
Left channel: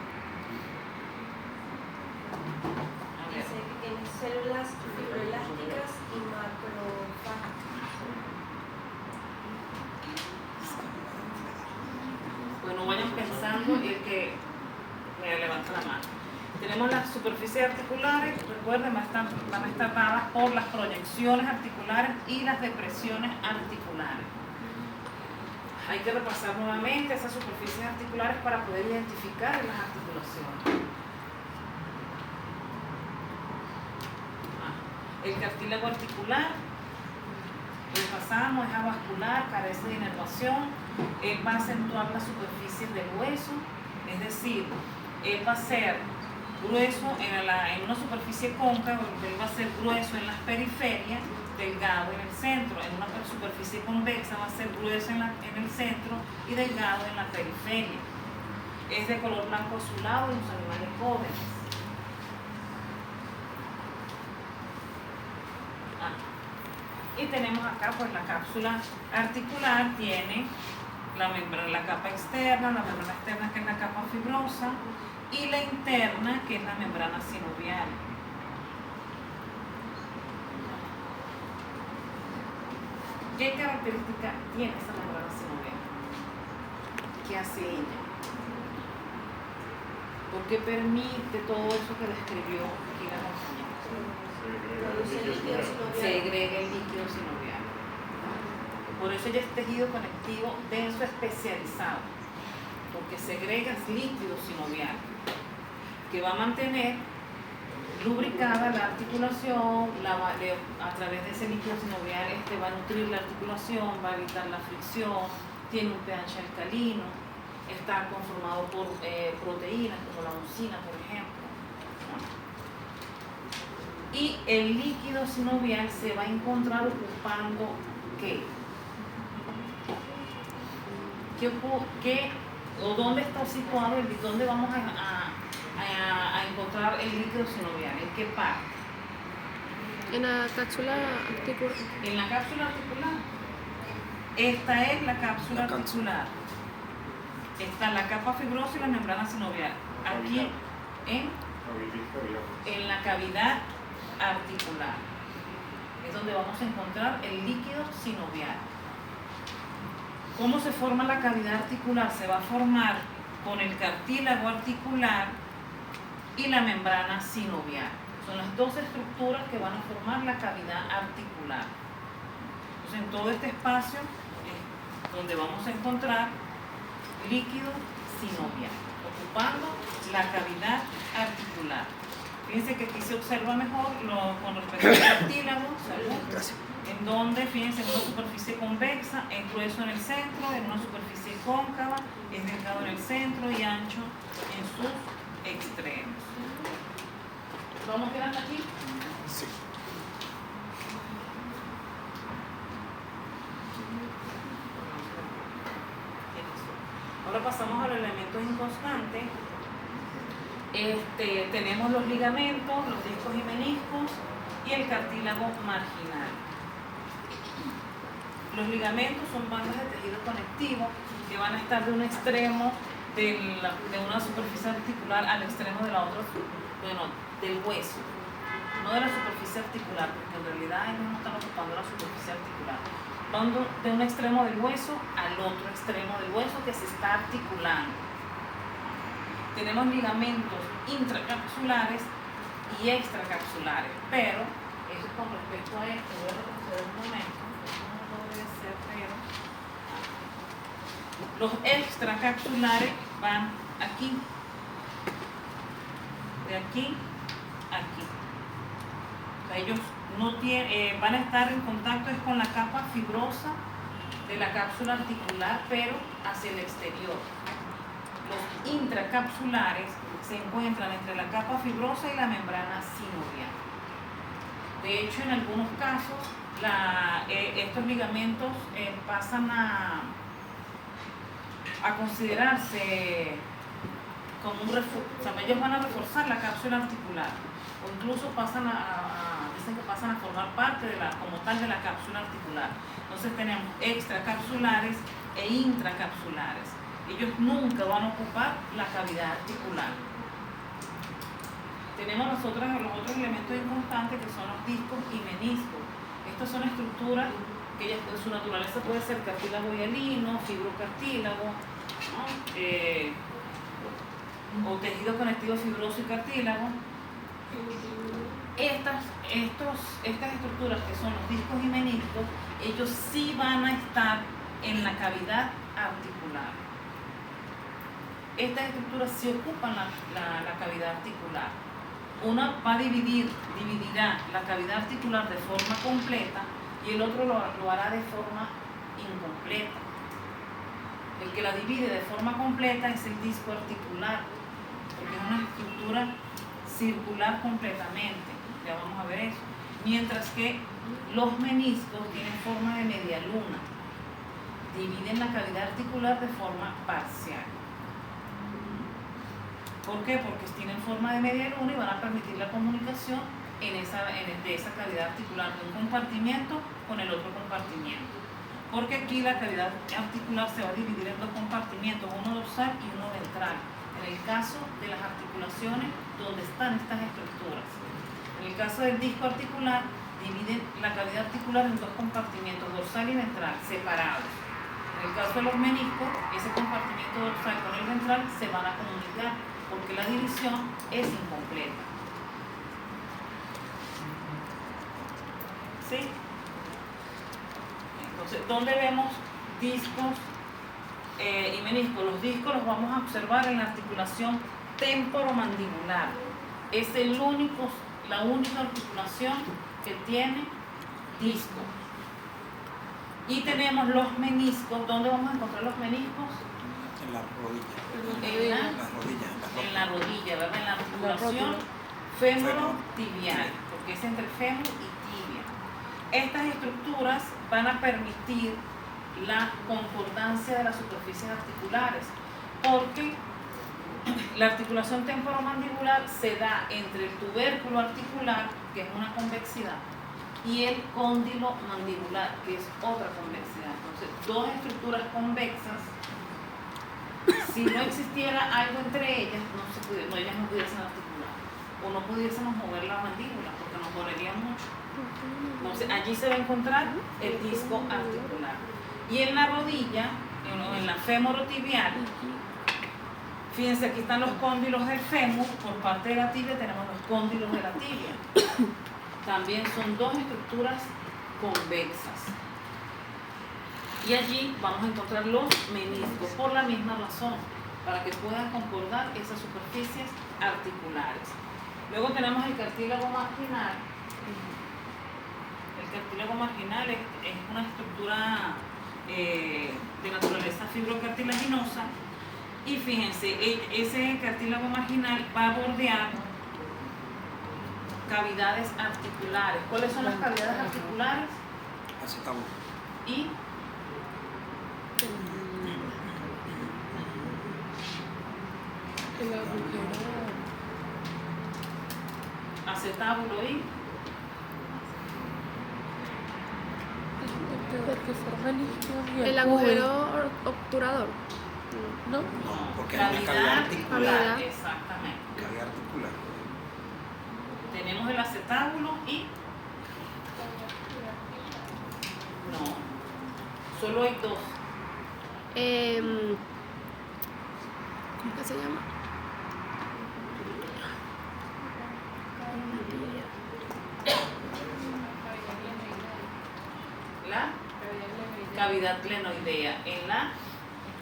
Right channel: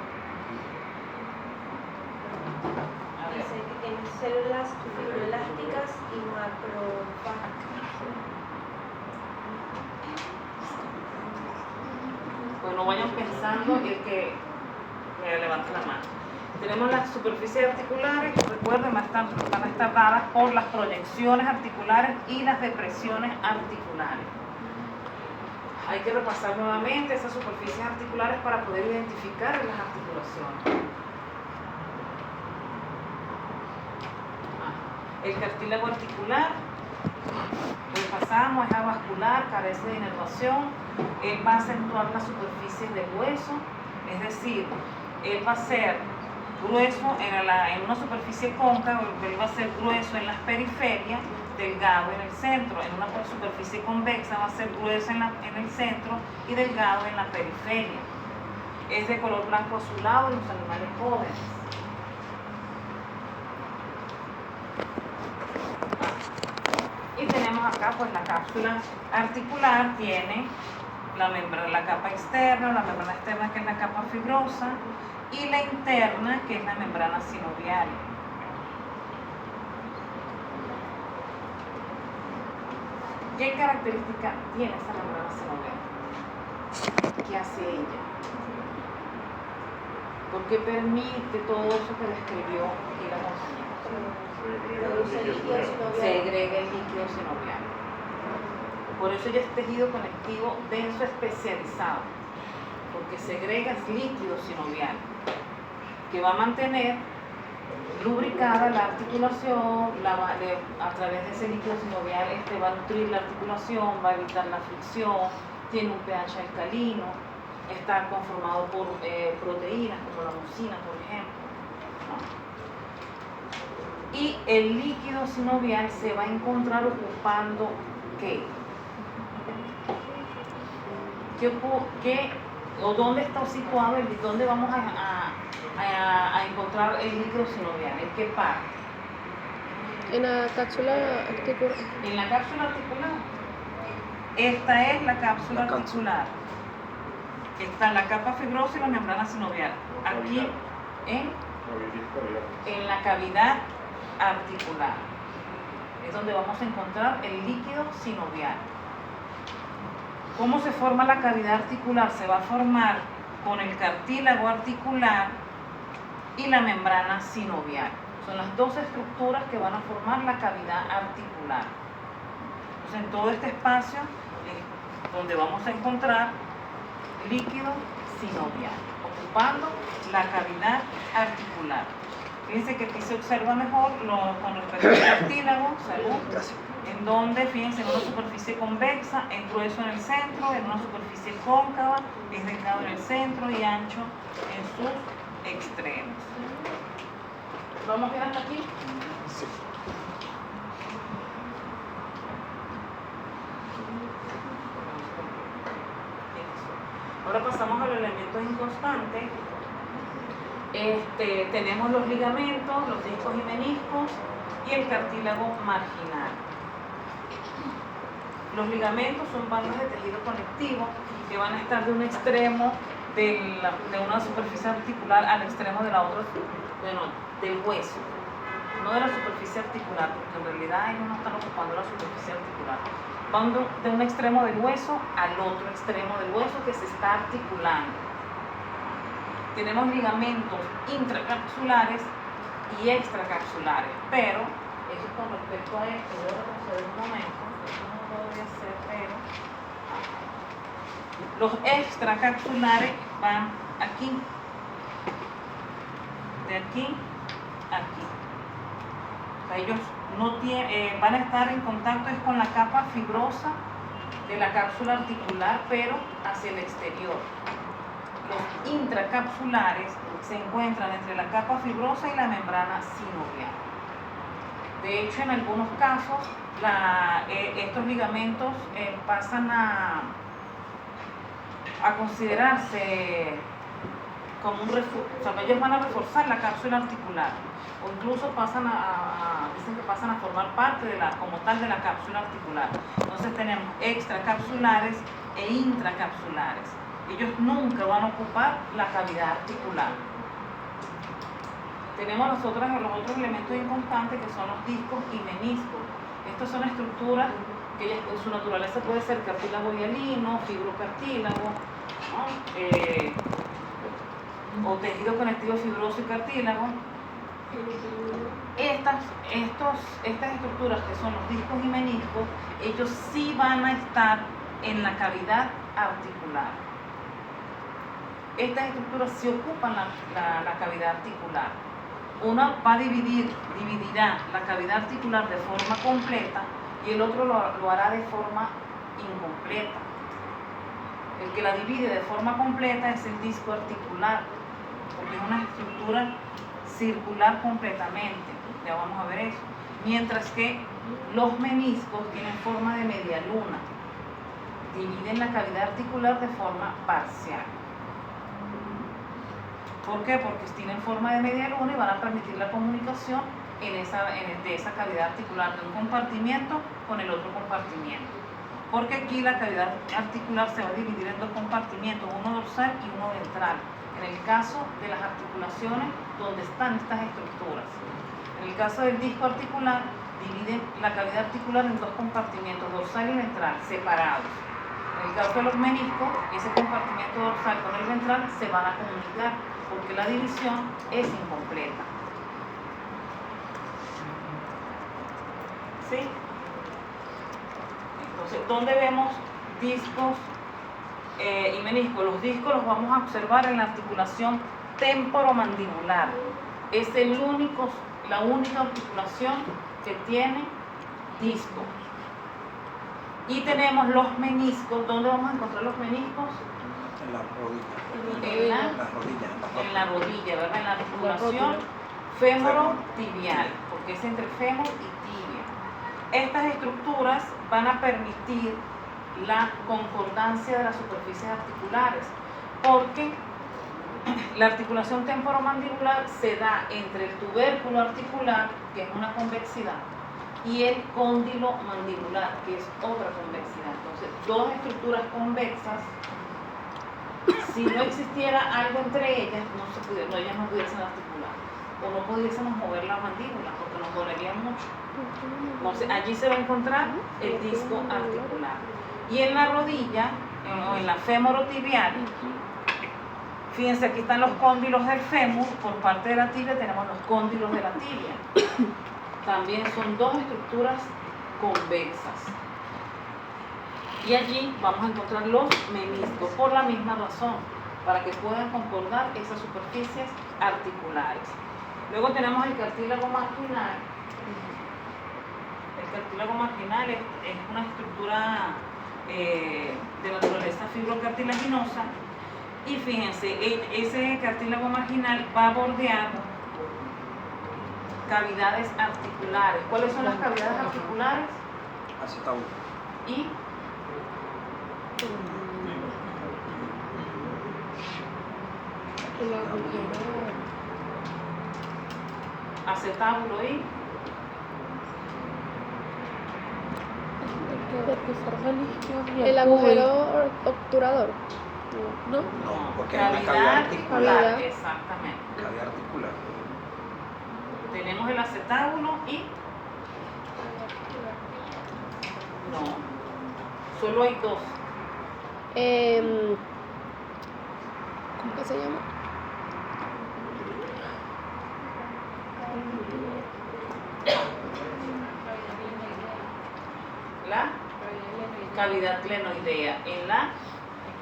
A ver. Dice que tiene células fibroelásticas y macrófagas. Bueno, vayan pensando y el que me levante la mano. Tenemos las superficies articulares, recuerden, van a estar dadas por las proyecciones articulares y las depresiones articulares. Hay que repasar nuevamente esas superficies articulares para poder identificar las articulaciones. El cartílago articular, repasamos, es avascular, carece de inervación, él va a acentuar las superficies del hueso, es decir, él va a ser grueso en una superficie cóncava, él va a ser grueso en las periferias, delgado en el centro. En una superficie convexa va a ser grueso en el centro y delgado en la periferia. Es de color blanco azulado en los animales jóvenes. Y tenemos acá pues la cápsula articular, tiene la capa externa, la membrana externa que es la capa fibrosa y la interna que es la membrana sinovial. ¿Qué característica tiene esa membrana sinovial? ¿Qué hace ella? ¿Por qué permite todo eso que describió aquí la compañera? Produce líquido sinovial. Segrega el líquido sinovial. Por eso ella es tejido conectivo denso especializado, porque segrega el líquido sinovial, que va a mantener lubricada la articulación, a través de ese líquido sinovial va a nutrir la articulación, va a evitar la fricción, tiene un pH alcalino, está conformado por proteínas como la mucina, por ejemplo, ¿no? Y el líquido sinovial se va a encontrar ocupando ¿qué? ¿O dónde está situado dónde vamos a encontrar el líquido sinovial? ¿En qué parte? En la cápsula articular. En la cápsula articular. Esta es la cápsula articular. Está la capa fibrosa y la membrana sinovial. Aquí en la cavidad articular. es donde vamos a encontrar el líquido sinovial. ¿Cómo se forma la cavidad articular? Se va a formar con el cartílago articular y la membrana sinovial. Son las dos estructuras que van a formar la cavidad articular. Entonces, en todo este espacio es donde vamos a encontrar líquido sinovial, ocupando la cavidad articular. Fíjense que aquí se observa mejor con respecto al cartílago, salud, en donde, fíjense, en una superficie convexa, es grueso en el centro, en una superficie cóncava, es delgado en el centro y ancho en sus extremos. ¿Vamos bien hasta aquí? Sí. Ahora pasamos a los elementos inconstantes. Tenemos los ligamentos, los discos y meniscos y el cartílago marginal. Los ligamentos son bandas de tejido conectivo que van a estar de un extremo de una superficie articular al extremo de la otra, del hueso, no de la superficie articular, porque en realidad ellos no están ocupando la superficie articular. Van de un extremo del hueso al otro extremo del hueso que se está articulando. Tenemos ligamentos intracapsulares y extracapsulares, pero eso con respecto a esto, voy a retroceder un momento, no lo voy a hacer, pero los extracapsulares van aquí, de aquí a aquí. O sea, ellos no van a estar en contacto con la capa fibrosa de la cápsula articular, pero hacia el exterior. Los intracapsulares se encuentran entre la capa fibrosa y la membrana sinovial. De hecho, en algunos casos, estos ligamentos pasan a considerarse como un refuerzo, o sea, ellos van a reforzar la cápsula articular, o incluso dicen que pasan a formar parte como tal de la cápsula articular. Entonces tenemos extracapsulares e intracapsulares. Ellos nunca van a ocupar la cavidad articular. Tenemos los otros elementos inconstantes que son los discos y meniscos. Estas son estructuras que su naturaleza puede ser cartílago hialino, fibrocartílago, ¿no? O tejido conectivo fibroso y cartílago. Estas estructuras que son los discos y meniscos, ellos sí van a estar en la cavidad articular. Estas estructuras sí ocupan la cavidad articular. Una dividirá la cavidad articular de forma completa y el otro lo hará de forma incompleta. El que la divide de forma completa es el disco articular, porque es una estructura circular completamente. Ya vamos a ver eso. Mientras que los meniscos tienen forma de media luna. Dividen la cavidad articular de forma parcial. ¿Por qué? Porque tienen forma de media luna y van a permitir la comunicación de esa cavidad articular de un compartimiento con el otro compartimiento. Porque aquí la cavidad articular se va a dividir en dos compartimientos, uno dorsal y uno ventral. En el caso de las articulaciones donde están estas estructuras. En el caso del disco articular, dividen la cavidad articular en dos compartimientos, dorsal y ventral, separados. En el caso de los meniscos, ese compartimiento dorsal con el ventral se van a comunicar porque la división es incompleta. ¿Sí? Entonces, ¿dónde vemos discos y meniscos? Los discos los vamos a observar en la articulación temporomandibular. Es la única articulación que tiene discos. Y tenemos los meniscos. ¿Dónde vamos a encontrar los meniscos? En la rodilla. En la rodilla, ¿verdad? En la articulación fémoro-tibial, porque es entre fémur y tibia. Estas estructuras van a permitir la concordancia de las superficies articulares, porque la articulación temporomandibular se da entre el tubérculo articular, que es una convexidad, y el cóndilo mandibular, que es otra convexidad. Entonces, dos estructuras convexas, si no existiera algo entre ellas, ellas no pudiesen articular. o no pudiésemos mover la mandíbula porque nos dolería mucho. Entonces allí se va a encontrar el disco articular. Y en la rodilla, o en la femorotibial, fíjense, aquí están los cóndilos del fémur, por parte de la tibia tenemos los cóndilos de la tibia. También son dos estructuras convexas. Y allí vamos a encontrar los meniscos, por la misma razón, para que puedan concordar esas superficies articulares. Luego tenemos el cartílago marginal. El cartílago marginal es una estructura de naturaleza fibrocartilaginosa. Y fíjense, ese cartílago marginal va bordeando cavidades articulares. ¿Cuáles son las cavidades articulares? Acetábulo. Y El agujero. acetábulo y Porque forma isquios y El agujero obturador. ¿No? No, porque hay una cavidad articular. Cavidad. Exactamente. Cavidad articular. Tenemos el acetábulo y no, solo hay dos. ¿Cómo que se llama? La cavidad glenoidea en la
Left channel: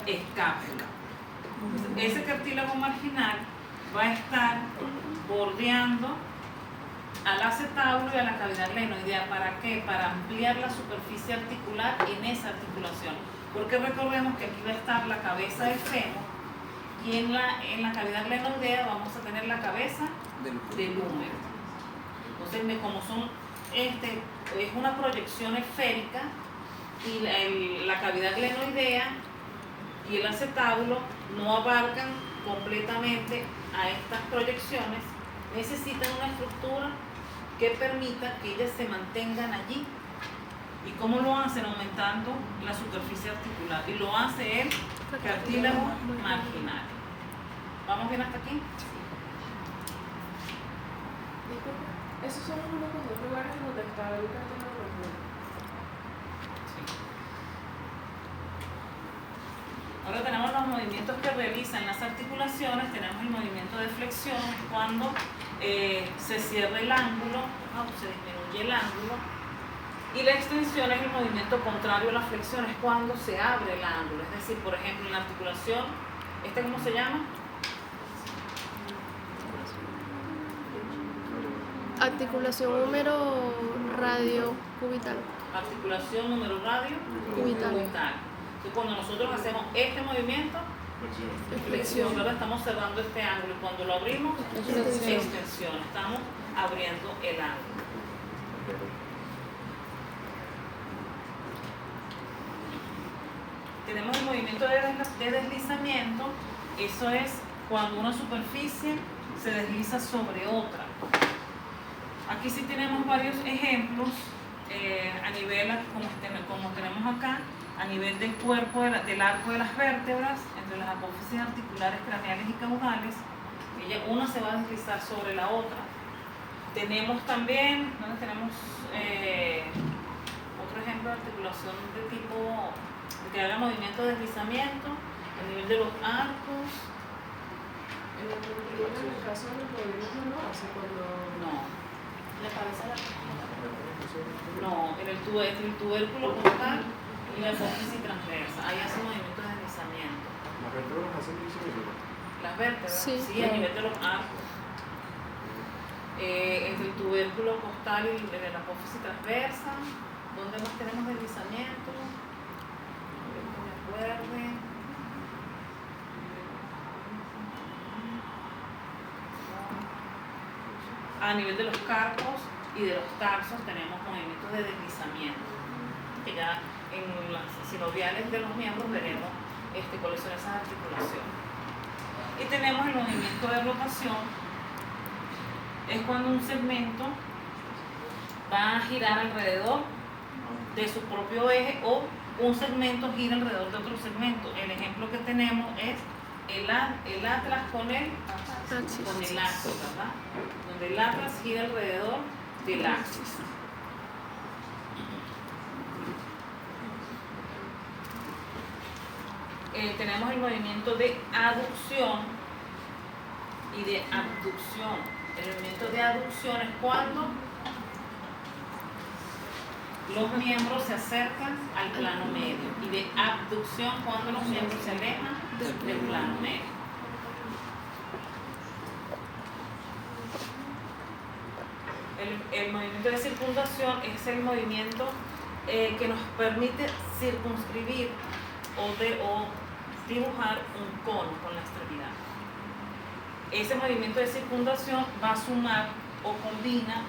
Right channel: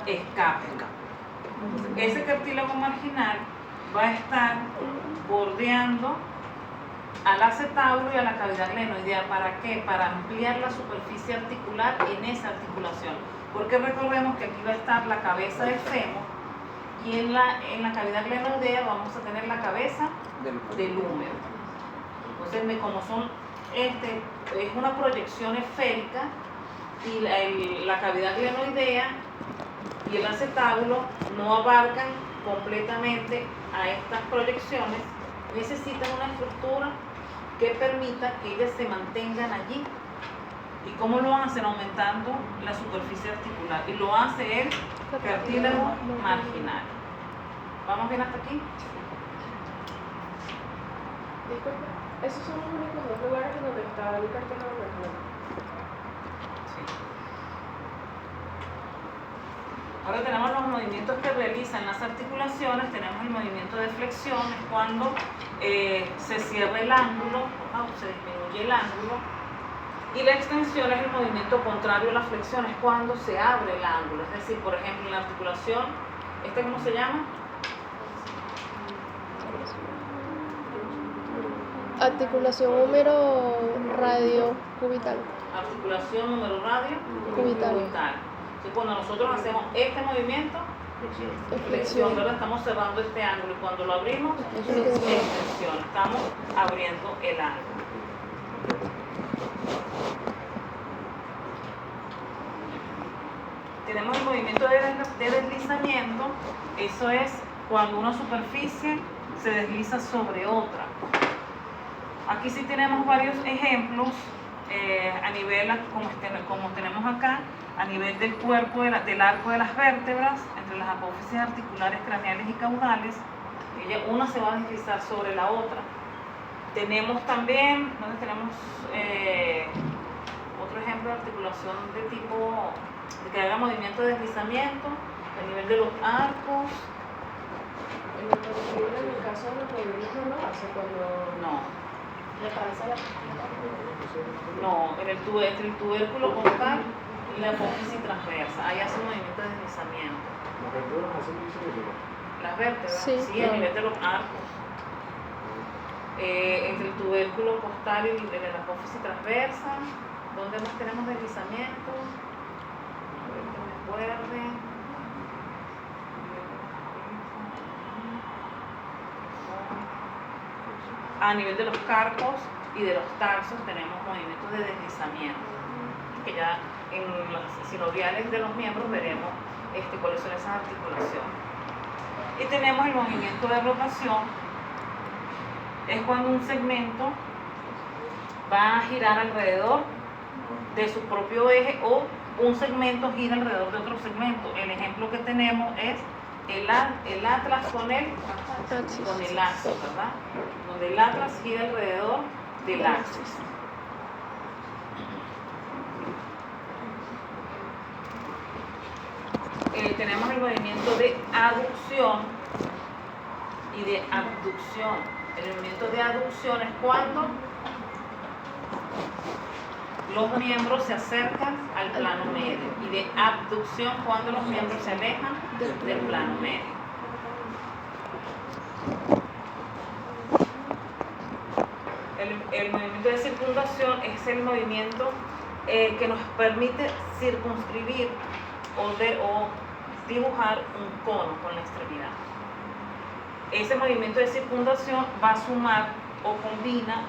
escápula. Ese cartílago marginal va a estar bordeando al acetábulo y a la cavidad glenoidea. ¿Para qué? Para ampliar la superficie articular en esa articulación. Porque recordemos que aquí va a estar la cabeza del fémur y en la cavidad glenoidea vamos a tener la cabeza del húmero. Entonces, como son es una proyección esférica y la cavidad glenoidea y el acetábulo no abarcan completamente a estas proyecciones, necesitan una estructura que permita que ellas se mantengan allí. ¿Y cómo lo hacen? Aumentando la superficie articular. Y lo hace el cartílago marginal. ¿Vamos bien hasta aquí? Disculpa, esos son los únicos dos lugares donde está el cartílago marginal. Sí. Ahora tenemos los movimientos que realizan las articulaciones. Tenemos el movimiento de flexión, es cuando se cierra el ángulo, se disminuye el ángulo. Y la extensión es el movimiento contrario a la flexión, es cuando se abre el ángulo. Es decir, por ejemplo, en la articulación, ¿cómo se llama? Articulación húmero radio cubital. Articulación número radio Cubital. Entonces, cuando nosotros hacemos este movimiento, flexión, ¿verdad? Estamos cerrando este ángulo. Y cuando lo abrimos, extensión. Estamos abriendo el ángulo. Tenemos el movimiento de deslizamiento. Eso es cuando una superficie se desliza sobre otra. Aquí sí tenemos varios ejemplos a nivel, como tenemos acá, a nivel del cuerpo, del arco de las vértebras, entre las apófisis articulares craneales y caudales. Una se va a deslizar sobre la otra. Tenemos también, tenemos otro ejemplo de articulación de tipo, de que haga movimiento de deslizamiento, a nivel de los arcos. En el caso de los movimientos no hace cuando No. la cabeza la No, entre el tubérculo costal y la apófisis transversa. Ahí hace un movimiento de deslizamiento. Las vértebras, Sí. a nivel de los arcos. Entre el tubérculo costal y la apófisis transversa. ¿Dónde más tenemos deslizamiento? Que me acuerde. A nivel de los carpos y de los tarsos tenemos movimientos de deslizamiento, que ya en los sinoviales de los miembros veremos cuáles son esas articulaciones. Y tenemos el movimiento de rotación, es cuando un segmento va a girar alrededor de su propio eje o un segmento gira alrededor de otro segmento. El ejemplo que tenemos es el atlas con el axis, ¿verdad? donde el atlas gira alrededor del axis. Tenemos el movimiento de aducción y de abducción. El movimiento de aducción es cuando los miembros se acercan al plano medio, y de abducción cuando los miembros se alejan del plano medio. El movimiento de circundación es el movimiento que nos permite circunscribir o dibujar un cono con la extremidad. Ese movimiento de circundación va a sumar o combina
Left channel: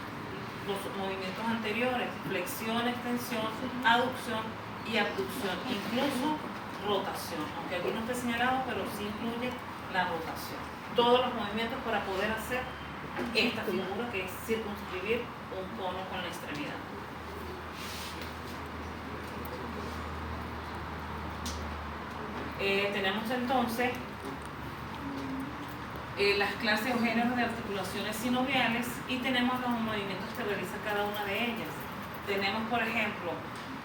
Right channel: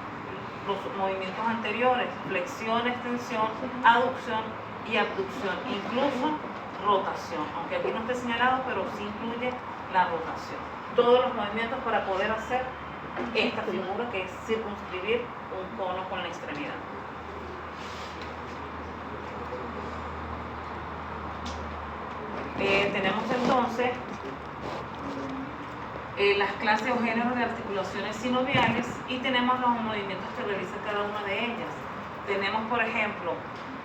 los movimientos anteriores: flexión, extensión, aducción y abducción, incluso rotación, aunque aquí no esté señalado, pero sí incluye la rotación. Todos los movimientos para poder hacer esta figura, que es circunscribir un cono con la extremidad. Tenemos entonces las clases o géneros de articulaciones sinoviales, y tenemos los movimientos que realiza cada una de ellas. Tenemos, por ejemplo,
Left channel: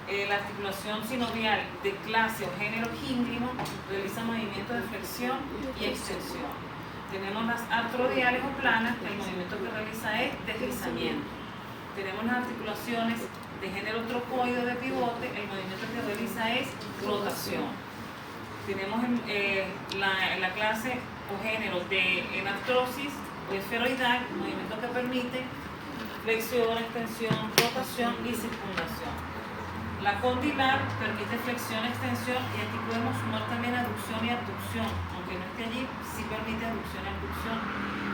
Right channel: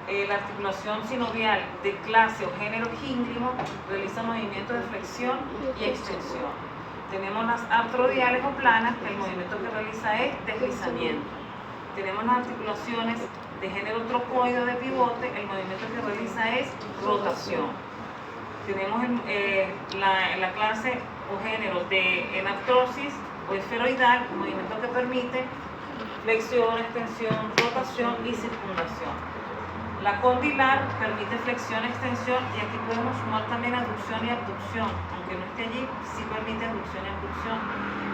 la articulación sinovial de clase o género gínglimo, realiza movimientos de flexión y extensión. Tenemos las artrodiales o planas, que el movimiento que realiza es deslizamiento. Tenemos las articulaciones de género trocoide o de pivote, el movimiento que realiza es rotación. Tenemos la clase o género de enartrosis o esferoidal, un movimiento que permite flexión, extensión, rotación y circundación. La condilar permite flexión, extensión, y aquí podemos sumar también aducción y abducción, aunque no esté allí, sí permite aducción y abducción.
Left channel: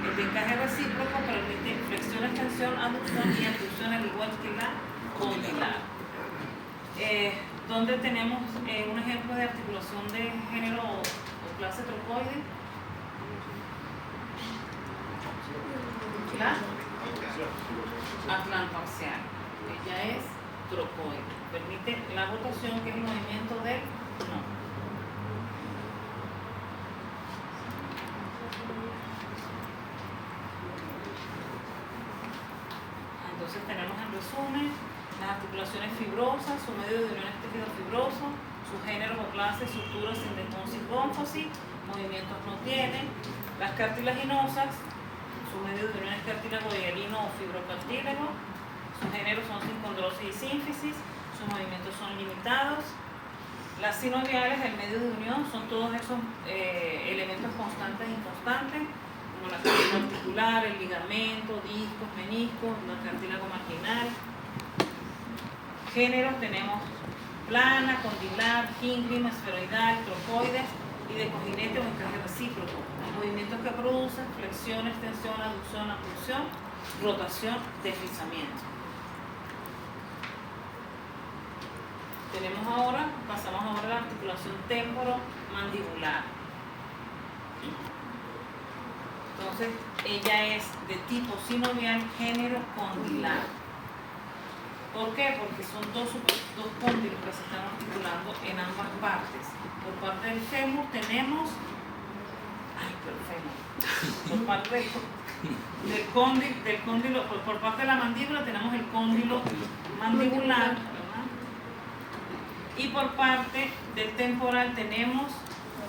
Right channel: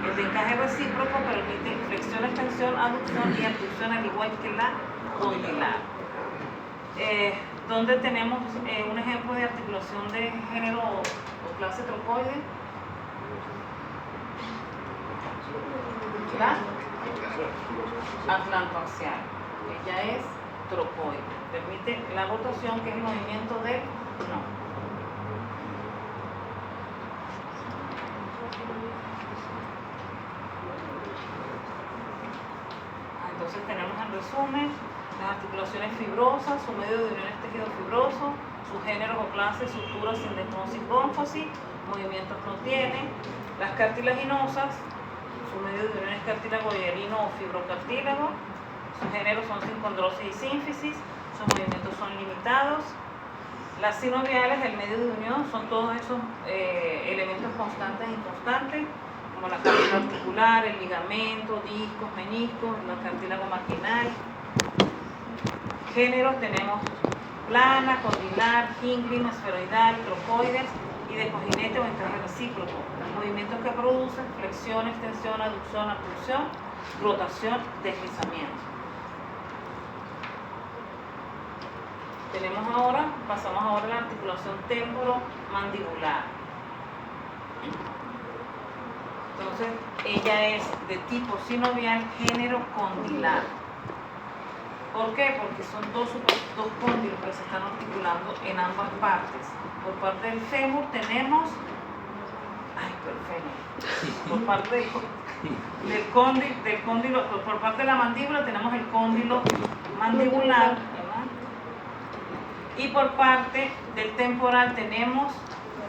El de encaje recíproco permite flexión, extensión, aducción y abducción, al igual que la condilar. Donde tenemos un ejemplo de articulación de género o clase trocoide. La atlantoaxial, ella es trocoide, permite la rotación, que es el movimiento del no. Entonces tenemos en resumen las articulaciones fibrosas, su medio de unión es tejido fibroso, sus géneros o clases, suturas, sindesmosis, gónfosis, movimientos no tienen. Las cartilaginosas, su medio de unión es cartílago hierino o fibrocartílago, sus géneros son sincondrosis y sínfisis, sus movimientos son limitados. Las sinoviales, el medio de unión, son todos esos elementos constantes e inconstantes, como la cartílago articular, el ligamento, discos, meniscos, el cartílago marginal. Géneros tenemos plana, condilar, gínglima, esferoidal, trocoides y de cojinete o encaje recíproco. Movimientos que producen flexión, extensión, aducción, abducción, rotación, deslizamiento. Pasamos ahora a la articulación temporomandibular. Entonces, ella es de tipo sinovial, género condilar. ¿Por qué? Porque son dos cóndilos que se están articulando en ambas partes. Por parte del fémur tenemos, por parte del cóndilo, por parte de la mandíbula tenemos el cóndilo mandibular, ¿verdad? Y por parte del temporal tenemos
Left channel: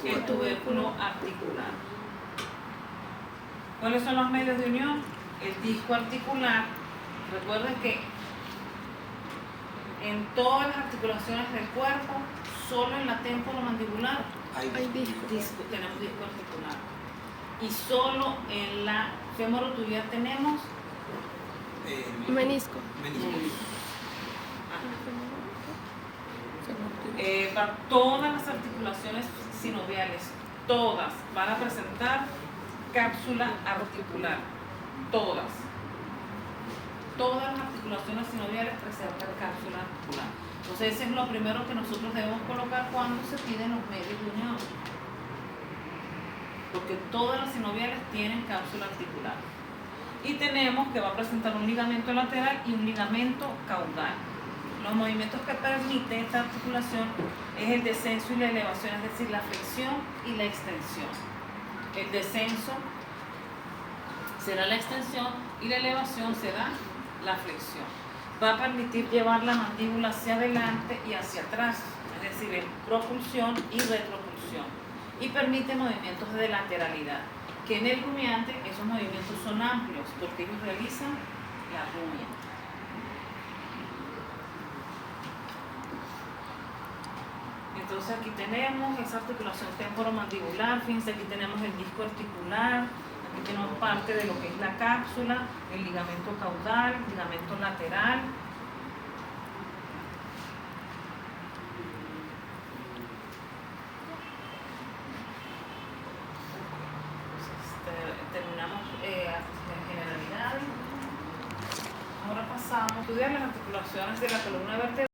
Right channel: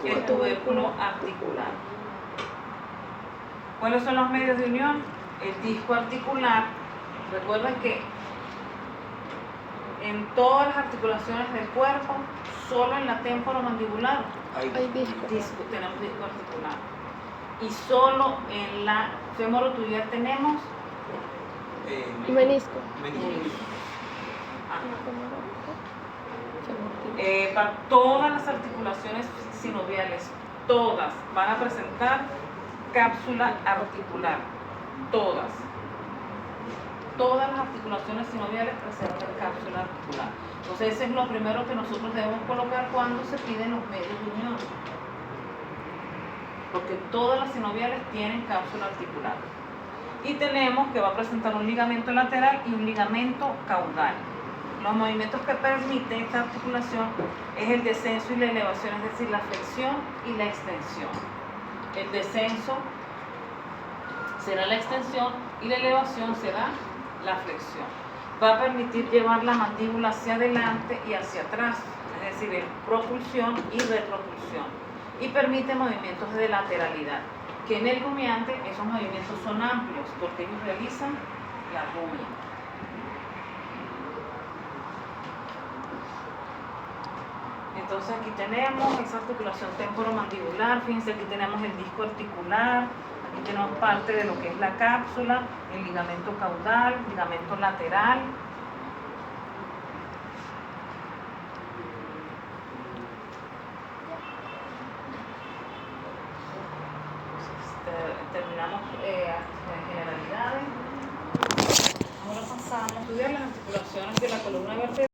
el tubérculo articular. ¿Cuáles son los medios de unión? El disco articular. Recuerden que en todas las articulaciones del cuerpo, solo en la temporomandibular tenemos disco articular. Y solo en la femorotubial tenemos Menisco. para todas las articulaciones sinoviales, todas van a presentar cápsula articular. Todas las articulaciones sinoviales presentan cápsula articular. Entonces, ese es lo primero que nosotros debemos colocar cuando se piden los medios de unión, porque todas las sinoviales tienen cápsula articular. Y tenemos que va a presentar un ligamento lateral y un ligamento caudal. Los movimientos que permiten esta articulación es el descenso y la elevación, es decir, la flexión y la extensión. El descenso será la extensión y la elevación será la flexión. Va a permitir llevar la mandíbula hacia adelante y hacia atrás, es decir, en propulsión y retropulsión, y permite movimientos de lateralidad, que en el rumiante esos movimientos son amplios porque ellos realizan la rumia. Entonces aquí tenemos esa articulación temporomandibular, fíjense, aquí tenemos el disco articular, aquí tenemos parte de lo que es la cápsula, el ligamento caudal, ligamento lateral. Terminamos generalidades. Ahora pasamos a estudiar las articulaciones de la columna vertebral.